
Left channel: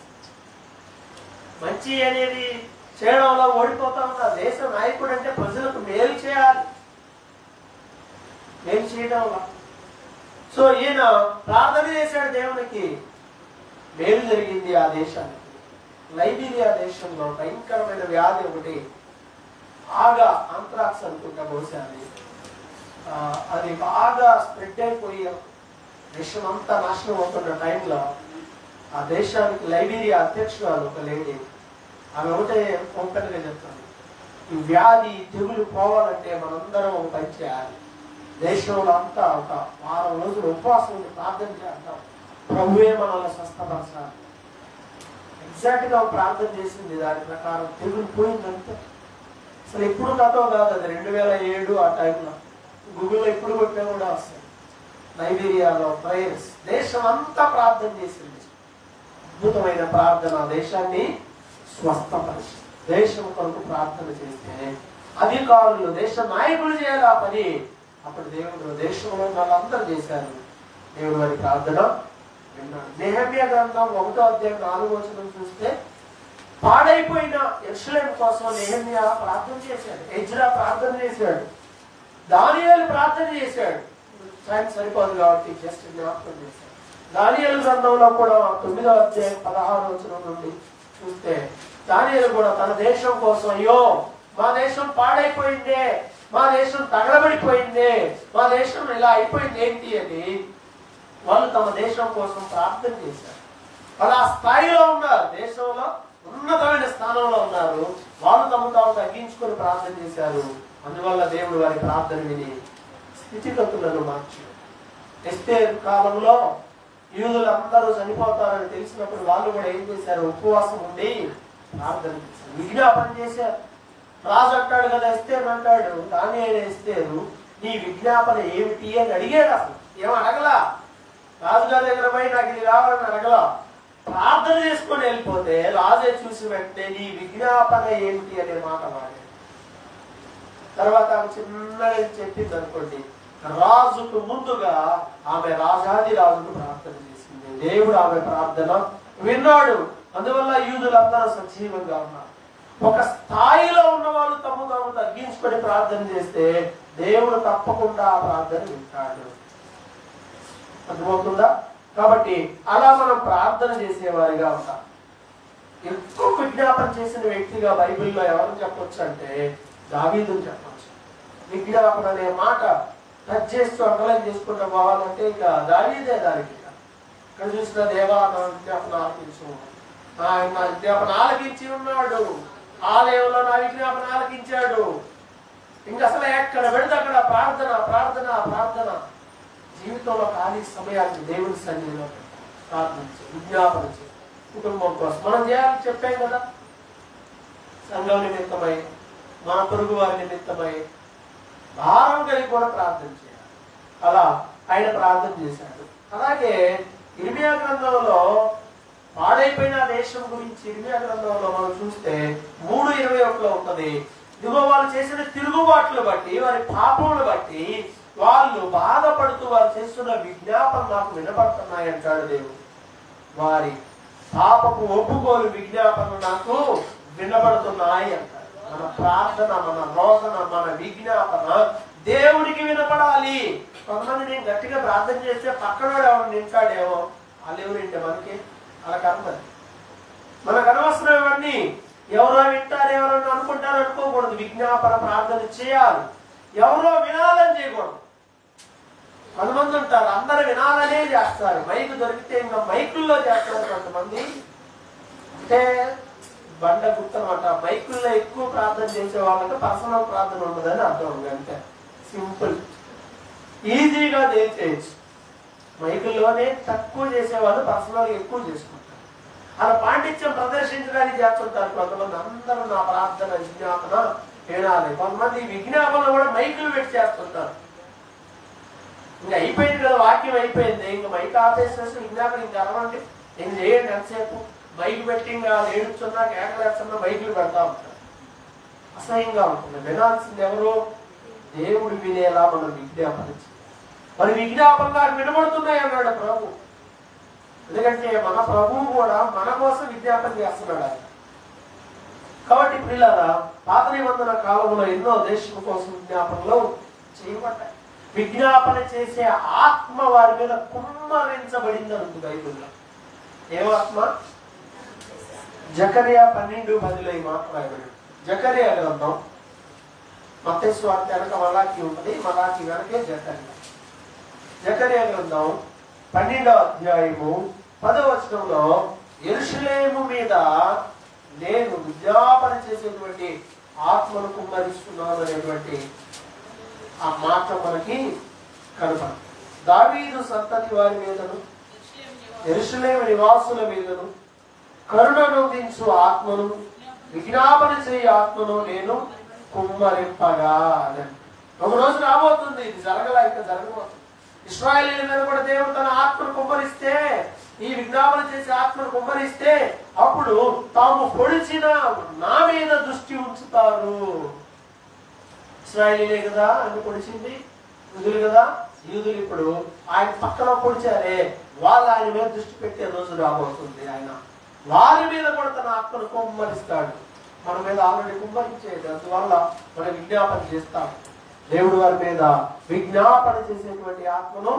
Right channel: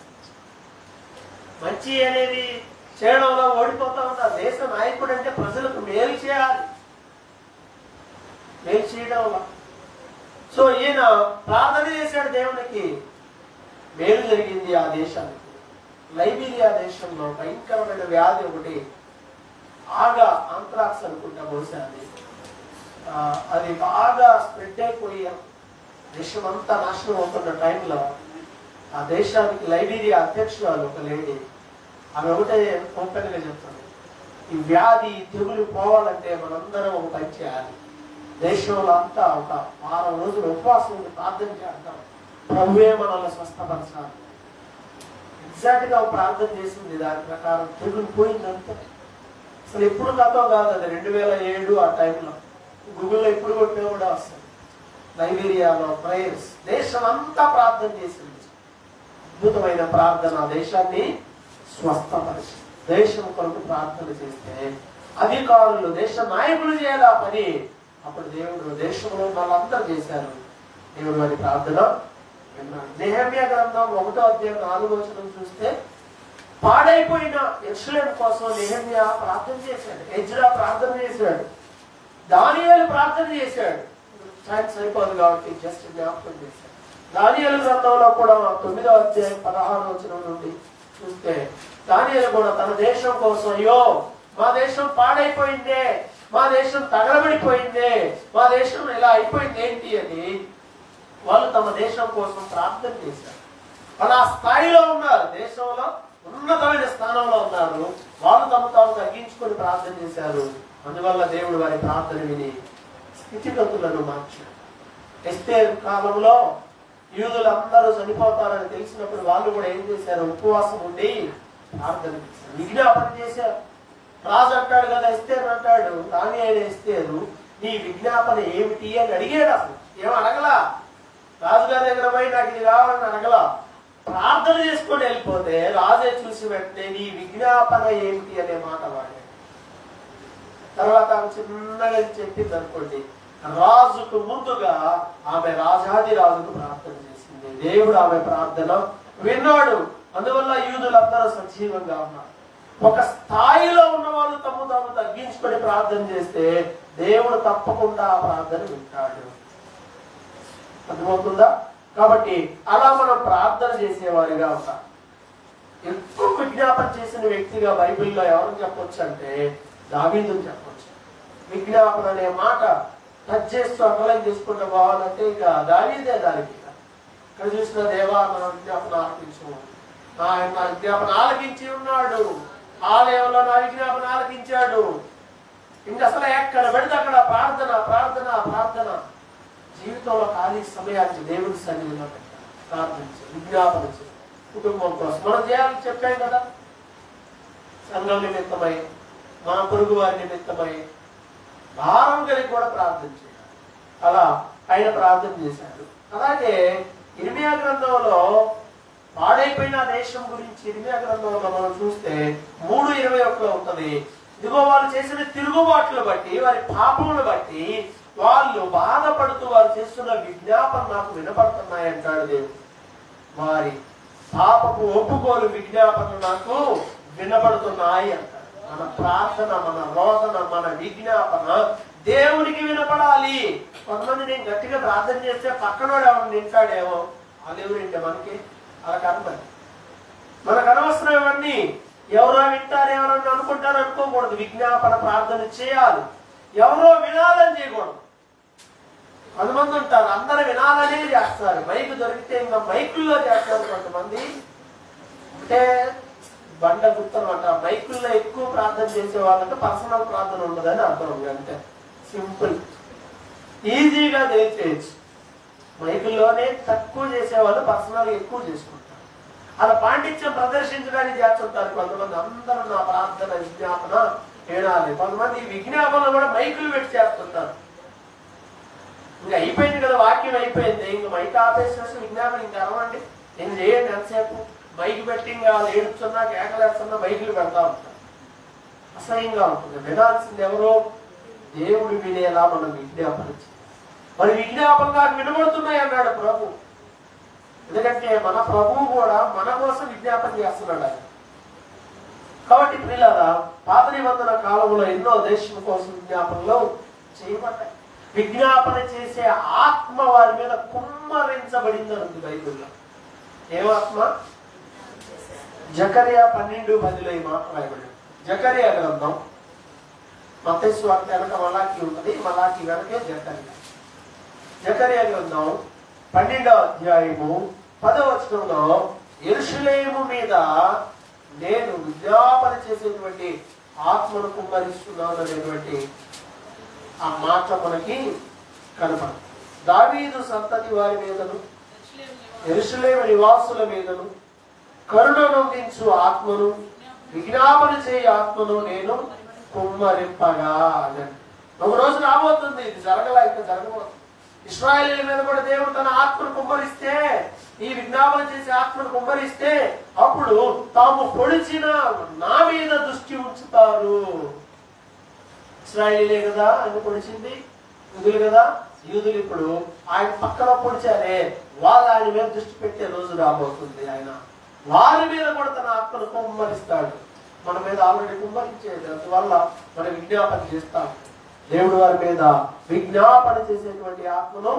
మంచి అనేది చేయడంలో ఓడిపోతా ఉన్నారు. దేశ నాయకుడు అంటే ప్రజలకు మేలు చేయాలి, మేలు చేయడంలో. సో ఈయన ప్రార్థన చేశాడు దేవునికి, మేలు జరిగింది ఆ దేశానికి. లైబీరియా దేశంలో భయంకరమైన వ్యాధి ఒకటి, బాగా ఆంథ్రాక్స్ అనుకుంటా బహుశా అది బాగా స్ప్రెడ్ అయిపోయి దేశం అంతా నాశనం అవుతున్న టైంలో ఆ దేశానికి లైబీరియా అధ్యక్షురాలు ఒక లేడీ, ఆమె ఒకటే ఓపెన్ గా చెప్తాను, ఈ వ్యాధి తెగులు పోవాలంటే మనందరం ఒక పని చేయాలి. దేశంలో అంతా ఒక వారం రోజులు ఉపవాసం ప్రార్థన చేద్దాం, ప్రభువే మనల్ని స్వస్థపరచాలి. ఎగ్జాక్ట్ గా ప్రార్థన చేసింది, దాని ప్రకారం తెగులు పోయిందంతా. అసలు ఎప్పుడు గతం కాదు అది, 2007 ఆ టైంలో గూగుల్లో ఎప్పుడు కొట్టినా కూడా వస్తాయి. లైబీరియాలో ప్రేయర్స్, దేశం అంతా ప్రార్థన చేసింది. అద్భుతమైన ప్రార్థన, దేశాన్ని స్వస్థపరిచి దేశం కొరకు ప్రార్థన చేస్తే అధికారులు, దేశ నాయకులు చేయాలి ఆ పని. అప్పుడు దేవుడు దేశంలో వాళ్ళందరూ చేశారు. దేవుడు వారి ప్రార్థన విన్నాడు. నెహెమ్యా గ్రంథం 1వ అధ్యాయం 4వ వచనం చూస్తే, పాడైపోయిన యెరూషలేము కోసం నెహెమ్యా ప్రార్థన చేశాడు, ఎజ్రా ప్రార్థన చేశాడు, దానియేలు ప్రార్థన చేశాడు. టైం సరిపోదు కాబట్టి జస్ట్ జ్ఞాపకం చేశాడు. దానియేలు గ్రంథంలో కూడా 9వ అధ్యాయం 16వ వచనం నుండి చూస్తే, దానియేలు కూడా తన దేశం కోసం, అయ్యో మా దేశం పాడైపోయిందే, మా దేశం తగలబడిపోయిందే, మా దేశం ఇలా అయిపోయింది ఏంటి అని వాళ్ళు తమ దేశం కోసం ప్రార్థన చేశారు. వాళ్ళు ఆ స్థాయిలో ఉన్నారు, దేశంలో ఉన్నతమైన స్థానంలో ఉన్నారు. వాళ్ళు తాము తగ్గించుకొని ప్రార్థన చేశారు. అందువల్ల దేవుడు వారి ప్రార్థన విని స్థితిగతులను మార్చారు. ఎస్తేరు కాలంలో యూదులందరూ చనిపోతారని తెలిసినప్పుడు వాళ్ళు కూడా ఏం చేశారు, ఉపవాసం ఉండి ప్రార్థన చేశారు, విజ్ఞాపన చేశారు. రాజు అంటాడు కదా, ఎస్తేరు అంటాడు, దానియేలు ఎస్తేరు నీ విజ్ఞాపన ఏమిటి అని అడిగాడు. అసలు ఏం అడగలా, రాజుగారి దగ్గర పోయి నాకు ఇది కావాలని అడగలా, ప్రార్థన చేసుకొని వెళ్ళిపోతే రాజే చూసి వెంటనే నీ విజ్ఞాపన ఏమిటి అనే మాట వాడాడు. తర్వాత ఆమె చిన్నగా చెప్పింది అనుకోండి, రాజుకు ముందుగా ఆమె రాజాది రాజుకు ప్రార్థన చేసింది. దేవుడు ఆమె ప్రార్థన విన్నాడు. అందువల్ల యూదులందరూ సజీవంగా ఉన్నారు. ఒక స్థాయిలో ఉన్న వాళ్ళు తాము తగ్గించుకొని ప్రార్థన చేస్తే దేవుడు తప్పకుండా ఆ ప్రార్థన వింటాడు. అర్థమవుతుందా? కాబట్టి అలా మనం ప్రార్థన చేసేవారిగా ఉంటాం. ఎక్కువ విజ్ఞాపన చేసిన వ్యక్తిగా బైబిల్లో ఎవరు చెప్పొచ్చు అంటే దావీదుని చెప్పొచ్చు. విజ్ఞాపన అనే మాట టచ్ చేస్తూ అండర్లైన్ చేసుకుంటూ పోవాలంటే ఇక దావీదే దానికి. ఇక్కడ చూసిన దేవా నా విజ్ఞాపన ఆలకించు, ఆయన నా విజ్ఞాపన ఆలకించి ఉన్నాడు, ఆలయంలో నా విజ్ఞాపన ఆలకించాడు. ఇంకా అసలు ఎక్కడ పెడితే అక్కడ ప్రార్థన ప్రార్థన ప్రార్థన. జీవితంలో ఖాళీ సమయానికి దేవుని సన్నిధిలో పెట్టాలి, ప్రార్థించి విజ్ఞాపన చేయాలి. కుటుంబం కోసం మనం చేయాలని చెప్పాం కదా, సంఘం నిమిత్తమై, మన పొరుగు వారి నిమిత్తమై భారం కలిగి కూడా ప్రార్థన చేయాలి. అలా ఆయన ప్రార్థన చేశాడు. అలాగే ఇర్మియా గ్రంథంలో పాడైపోయిన దేశం గురించి ఇర్మియా గ్రంథంలో మనం చూస్తే 3:21 ఉంటది. ఇదిగో వాళ్ళు చేసిన తిరుగుబాట్లు బట్టి, వారి పాపములు బట్టి వాళ్ళు బాధపడుతూ వారు చేస్తున్న విజ్ఞాపన నాకు వినపడుతున్నాయి అంటాడు దేవుడు. వారి పాపపు ఒప్పుకోలు విజ్ఞాపన నాకు వినపడుతున్నాయి అంటాడు. మన ప్రార్థన, మన రోదన, మన విజ్ఞాపన దేవునికి వినపడాలి. కొంతమంది నేను గట్టిగా ప్రార్థన చేస్తే పక్కనోడు ఎవరు నింటాడేమో, వాళ్ళు ఎవరింటే మనకి అలా కనపడి మనకు అనవసరం. ఇవన్నీ ఎవరో వింటారు, ఎవరో అనుకుంటారు అనుకోకూడదు. విజ్ఞాపన ప్రార్థన చేయాలి, ఎవరో వినాలని చేయకూడదు. కొంతమంది ఉంటారు అందరు వినాలనే చేస్తారు, మైక్ దొరికితే ఇంకా మైకుల్లో చేస్తారు. కొంతమంది అంటే బండ గుర్తనమాట, మైకుల్లో ఎక్కువ ప్రార్థన చేసే వాళ్ళకి పర్సనల్ ప్రార్థన ఉండదని అర్థం. అంతే సింపుల్, ఈజీగా చేయొచ్చు. మైకుల్లోనే తక్కువ చేసేవాళ్ళు పర్సనల్ ఎక్కువ చేసుకుంటారు. అలా పాండిత్యం ప్రదర్శించడానికి చేస్తుంటారు కొంతమంది. అందరూ నా ప్రార్థన విజ్ఞాపన వినాలి. కొంతమంది విజ్ఞాపన కూడా మైకులు పెట్టి చేస్తుంటారు. ఇంకా అయిపోయింది కదా, వాక్యం అయిపోయింది, ఇంక మైక్ ఆపేసేసి విజ్ఞాపన ఇంకా అరవండి, ఇంక చేయండి ఎంతసేపు. మైక్ పెట్టి ఇంకా ఏడుస్తున్నా కేకలేస్తున్నా మైకులు పెడతా ఉంటారు. అసహ్యంగా ఉంటుంది. వినాల్సింది ఎవరో దేవుడు వినేలా మనం విజ్ఞాపన చేయాలి. మరి విజ్ఞాపనగా వినబడుతున్నాయి అన్నాడు ప్రభు. ఎందుకంటే మన ప్రభువు కూడా మన కోసం విజ్ఞాపన చేస్తున్నాడు ఆయన. కాబట్టి పిల్లల పాత నిబంధన కాలంలో ఎన్నో దేశం కోసం విజ్ఞాపనలు చేయబడ్డాయి. విజ్ఞాపన చేసే ఆత్మ వారి మీద కుమ్మరించబడింది అంది బైబిల్లో. ఏమాత్మ? జకరియా 12:10 ఈ మాట రాయబడి. జకరియా గ్రంథం, మత్తయి సువార్త వెనక మలాకి ఉన్నది, మలాకి వెనకే జకరియా. జకరియా గ్రంథం 12వ అధ్యాయము 10వ వచనంలో యెరూషలేము మీద నేను విజ్ఞాపన చేసేటువంటి ఆత్మను కుమ్మరిస్తున్నాను అనేటువంటి ఆ మాట మనకి కనపడు. దావీదు సంతతి వారి మీదను యెరూషలేము నివాసుల మీదను కరుణనొందించు ఆత్మను విజ్ఞాపన చేయ ఆత్మను నేను కుమ్మరింపగా. ఒక రోజు రాబోతుంది, ఇది జరగలా, ఇంకా జరగబోతుంది. ఇశ్రాయేలీయుల మీద కూడా దేవుడు తన ఆత్మను కుమ్మరిస్తే, ఈ విజ్ఞాపన చేసే ఆత్మను కుమ్మరిస్తే అప్పుడు తాము పొడిచిన నా మీద దృష్టి ఉంచుతారు. ఇశ్రాయేలీలే కదా ఆయన పొడిచింది, యూదులు కదా, యూదులు ఇప్పుడు ఆయన పక్కన పొడిచారే, వాళ్ళు ఆయన మీద దృష్టి పెట్టే రోజు రాబోతుంది. ఆయన వారి మీద కూడా తన ఆత్మను కుమ్మరిస్తాడు. మన మీద ఆల్రెడీ కుమ్మరించేది, అందువల్ల మనం విజ్ఞాపన చేస్తాం. దేవుడు వారి మీద విజ్ఞాపన చేసేటువంటి ఆత్మను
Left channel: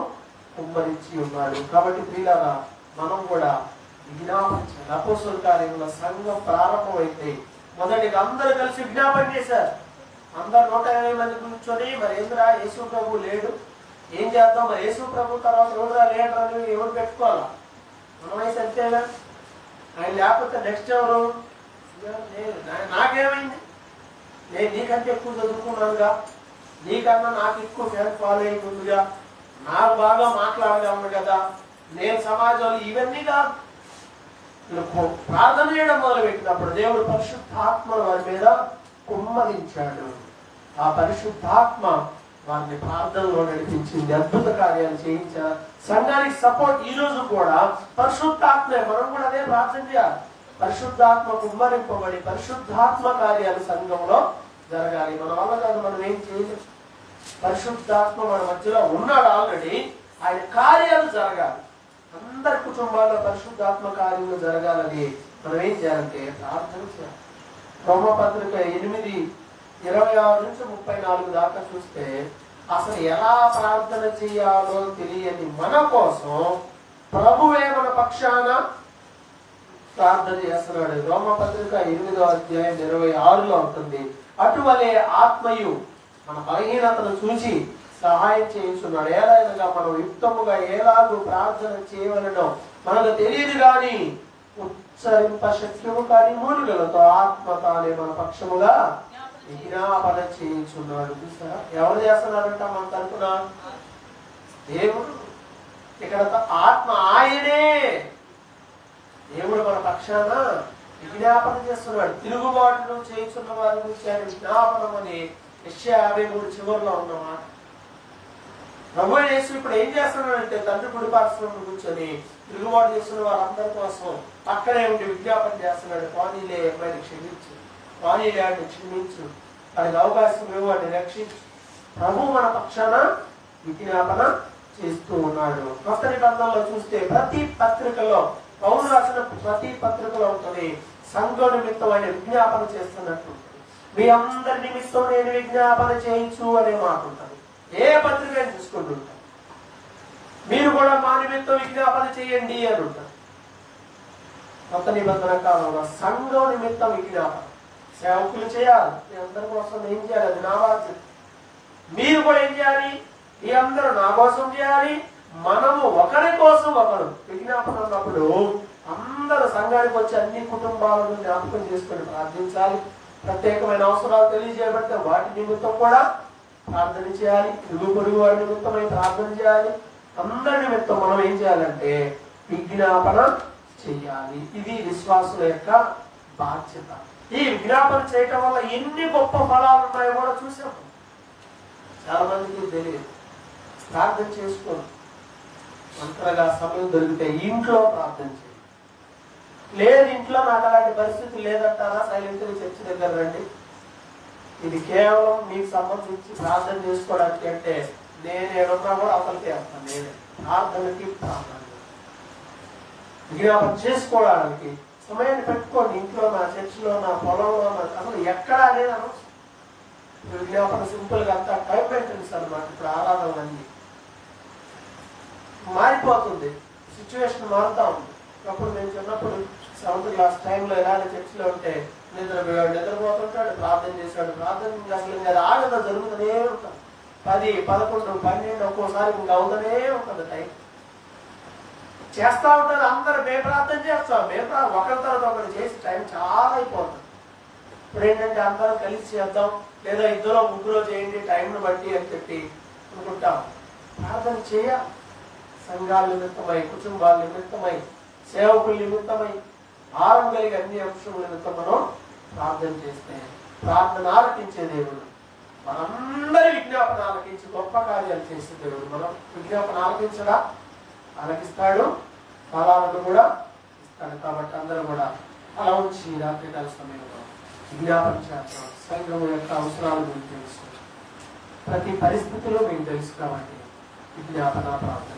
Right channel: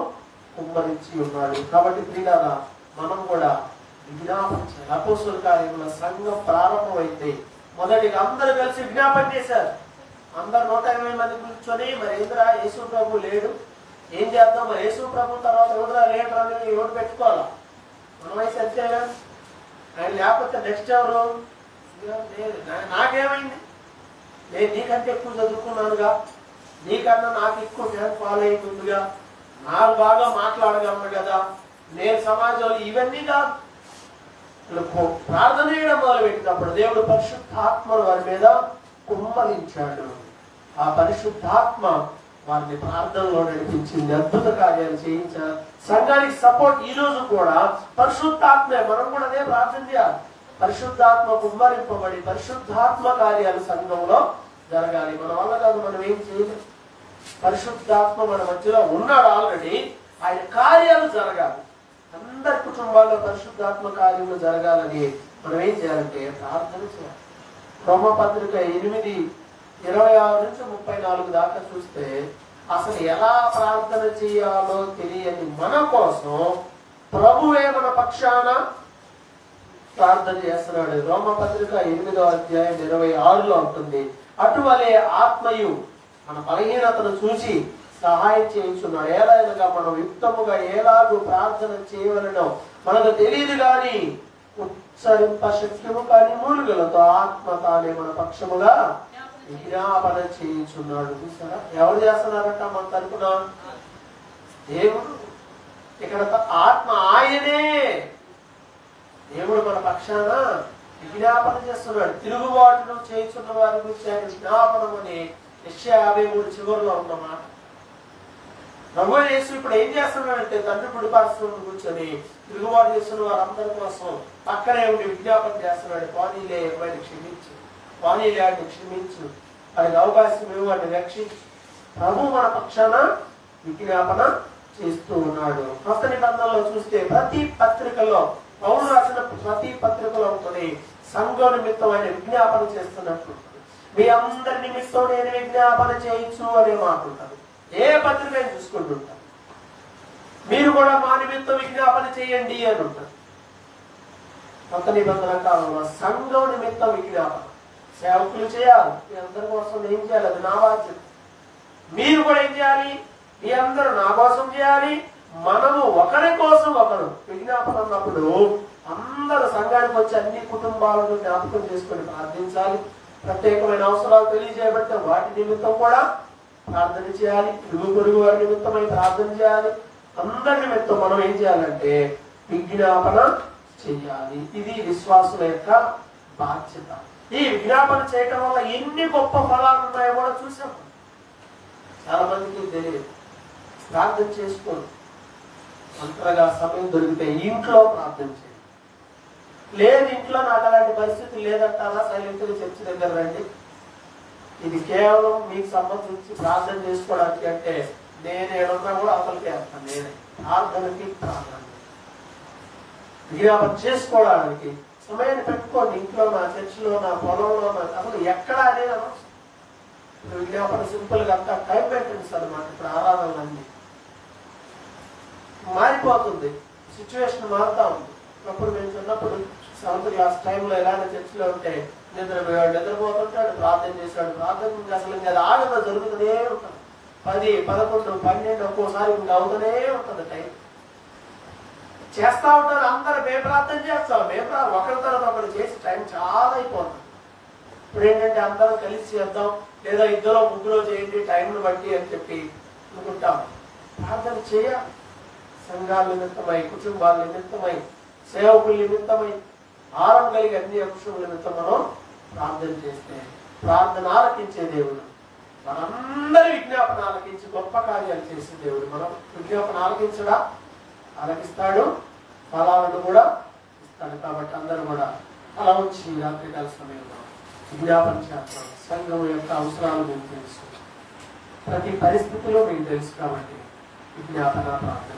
కుమ్మరించి ఉన్నాడు. కాబట్టి ప్రియులారా, మనం కూడా విజ్ఞాపన చేయాలి. అపోస్తలుల కార్యముల సంఘం ప్రారంభమైతే మొదటిగా అందరూ కలిసి విజ్ఞాపన చేశారు. అందరు 180 మంది కూర్చొని, మరి ఏంద్రా యేసు ప్రభు లేడు, ఏం చేద్దాం, మరి యేసు ప్రభు తర్వాత ఎవరురా లేడరా అని ఎవరు పెట్టుకోవాలా? మనమైతే అంతేనా? ఆయన లేకపోతే నెక్స్ట్ ఎవరు? నాకేమైంది, నేను నీకంటే ఎక్కువ చదువుకున్నానుగా, నీకన్నా నాకు ఎక్కువ ఫ్యాన్ ఫాలోయింగ్ ఉందిగా, నాకు బాగా మాట్లాడగలను కదా, నేను సమాజంలో ఇవన్నీ కాదు. ప్రార్థన చేయడం మొదలు పెట్టినప్పుడు దేవుడు పరిశుద్ధాత్మ వారి మీద కుమ్మరించాడు. ఆ పరిశుద్ధాత్మ వారిని ప్రార్థనలో నడిపించింది, అద్భుత కార్యాలు చేయించారు. సంఘానికి సపోర్ట్ ఈ రోజు కూడా పరిశుద్ధాత్మే. మనం కూడా అదే ప్రార్థన చేయాలి. పరిశుద్ధాత్మ కుమ్మరింపబడి పరిశుద్ధాత్మ కార్యాలు సంఘంలో జరగాలి. మన వల్ల కాదు, మనం ఏం చేయలేదు. పరిశుద్ధాత్మ మన మధ్యలో ఉన్నాడు ఆల్రెడీ, ఆయన కార్యాలు జరగాలి. అందరి కుటుంబాల్లో పరిశుద్ధాత్మ కార్యాలు జరగాలని మనం ఏం చేయాలంటే ప్రార్థన చేయాలి. రోమపత్రిక 8:26 నుంచి 34 దాకా చూస్తే అసలు ఎలా ప్రార్థన చేయాలో తెలియని మన కోసం ప్రభువే మన పక్షాన ప్రార్థన చేస్తున్నాడు. రోమపత్రిక 8వ అధ్యాయం 26లో ఉంటుంది. అటువలే ఆత్మయు మన బలహీనతను చూసి సహాయం చేయించున్నాడు. ఏలైనగా మనం యుక్తముగా ఎలాగూ ప్రార్థన చేయవలనో మనకు తెలియదు గాని ఉచ్చరింప శక్యము కాని మూలుగలతో ఆత్మ తానే మన పక్షముగా విజ్ఞాపన చేయించున్నాడు. చూసారా, ఎవరు చేస్తున్నారంట మన తరపున? దేవుడు. ఇక్కడ ఆత్మ ఆయనే, దేవుడు మన పక్షాన విజ్ఞాపన చేస్తున్నాడు. తిరుగుబాటును చేయించున్న వారి గురించి ఆయన విజ్ఞాపనం అని యెషయా 53 చివరిలో ఉన్నమాట. ప్రభువు యేసు ఇప్పుడు ఏం చేస్తున్నాడంటే తండ్రి కుడి పార్శ్వంలో కూర్చొని తిరుగుబాటు చేస్తున్న వారందరి కోసం పక్కనే ఉండి విజ్ఞాపన చేస్తున్నాడు. పానీలే అమ్మాయిని క్షమించు, పానీలే వాడిని క్షమించు, వాడికి అవకాశం ఇవ్వు, వాడిని రక్షించు. ప్రభు మన పక్షాన విజ్ఞాపన చేస్తూ ఉన్నాడు. కొత్త నిబంధనలో చూస్తే ప్రతి పత్రికలో, పౌలు రాసిన ప్రతి పత్రికలో ఉంటుంది సంఘం నిమిత్తం ఆయన విజ్ఞాపన చేస్తున్నట్టు. మీ అందరి నిమిత్తం నేను విజ్ఞాపన చేయించు అనే మాట ఉంటుంది. ఏ పత్రిక చూసుకుంటుంటారు. మీరు కూడా మా నిమిత్తం విజ్ఞాపన చేయండి అని ఉంటారు. కొత్త నిబంధన కాలంలో సంఘం నిమిత్తం విజ్ఞాపన సేవకులు చేయాలి. మీ అందరి కోసం ఏం చేయాలి? అది నా బాధ్యత. మీరు కూడా ఏం చేయాలి? మీ అందరూ నా కోసం చేయాలి. మనము ఒకరి కోసం ఒకరు విజ్ఞాపన అన్నప్పుడు అందరూ సంఘానికి వచ్చి అన్ని కుటుంబాలను జ్ఞాపకం చేసుకుని ప్రార్థించాలి. ప్రత్యేకమైన అవసరాలు తెలియజేయబడితే వాటి నిమిత్తం కూడా ప్రార్థన చేయాలి. ఇరుగు పొరుగు వారి నిమిత్తమై ప్రార్థన చేయాలి. అందరి నిమిత్తం మనం ఏం చేయాలంటే విజ్ఞాపన చేయాలి. ఇది విశ్వాసుల యొక్క బాధ్యత. ఈ విజ్ఞాపన చేయటం వల్ల ఎన్ని గొప్ప ఫలాలు ఉన్నాయో కూడా చూసాము. చాలా మందికి తెలియదు. ప్రార్థన చేసుకోండి. అంతగా సమయం దొరికితే ఇంట్లో ప్రార్థన చేయండి. లేదు ఇంట్లో నాకు అలాంటి పరిస్థితి లేదంటారా, సైలెంట్ గా చర్చి దగ్గర రండి. ఇది కేవలం మీకు సంబంధించి ప్రార్థన చేసుకోవడానికి అంటే నేను ఏడున్నా కూడా అసలుకే వేస్తాను. నేనే ప్రార్థనకి ప్రార్థన విజ్ఞాపన చేసుకోవడానికి సమయాన్ని పెట్టుకోండి. ఇంట్లో నా చర్చిలో, నా పొలంలో, అసలు ఎక్కడ అనేది అనవసరం. విజ్ఞాపన సింపుల్ గా అంతా టైం మెయింటెన్స్ అనమాట. ఇప్పుడు ఆరాధనలన్నీ మారిపోతుంది, సిచ్యువేషన్ మారుతా ఉంది. అప్పుడు మేము చిన్నప్పుడు 7th క్లాస్ టైంలో ఇలాంటి చర్చిలో ఉంటే నిద్రపోయాడు, నిద్రపోతుంటాడు, ప్రార్థన చేశాడు, ప్రార్థన అసలు ఇంకా అది ఆడలో జరుగుతూనే ఉంటుంది. 10, 11, 12 ఒక్కోసారి ఇంకా అవుతూనే ఉంటుంది. టైం చేస్తా ఉంటారు అందరు. మేము ప్రార్థన చేస్తాం, ఒకరి తర్వాత ఒకరు చేసి టైం చాలా అయిపోతుంది. ఇప్పుడు ఏంటంటే అందరం కలిసి చేద్దాం, లేదా 2, 3 చేయండి టైంను బట్టి అని చెప్పి అనుకుంటాం. ప్రార్థన చేయాలి. సంఘాల నిమిత్తమై, కుటుంబాల నిమిత్తమై, సేవకుల నిమిత్తమై, భారం కలిగి అన్ని అంశముల నిమిత్తం మనం ప్రార్థన చేస్తే ప్రార్థన ఆలకించే దేవుడు, మనందరి విజ్ఞాపన ఆలకించి గొప్ప కార్యాలు చేసే దేవుడు. మనం విజ్ఞాపన ఆలకించడా? ఆలకిస్తాడు, ఫలాలను కూడా ఇస్తాడు. కాబట్టి అందరూ కూడా అలా ఉంచి రాత్రికాల సమయంలో విజ్ఞాపన చేస్తాం. సంఘం యొక్క అవసరాలు మీకు తెలుసు, ప్రతి పరిస్థితిలో మీకు తెలుసు. కాబట్టి విజ్ఞాపన ప్రార్థన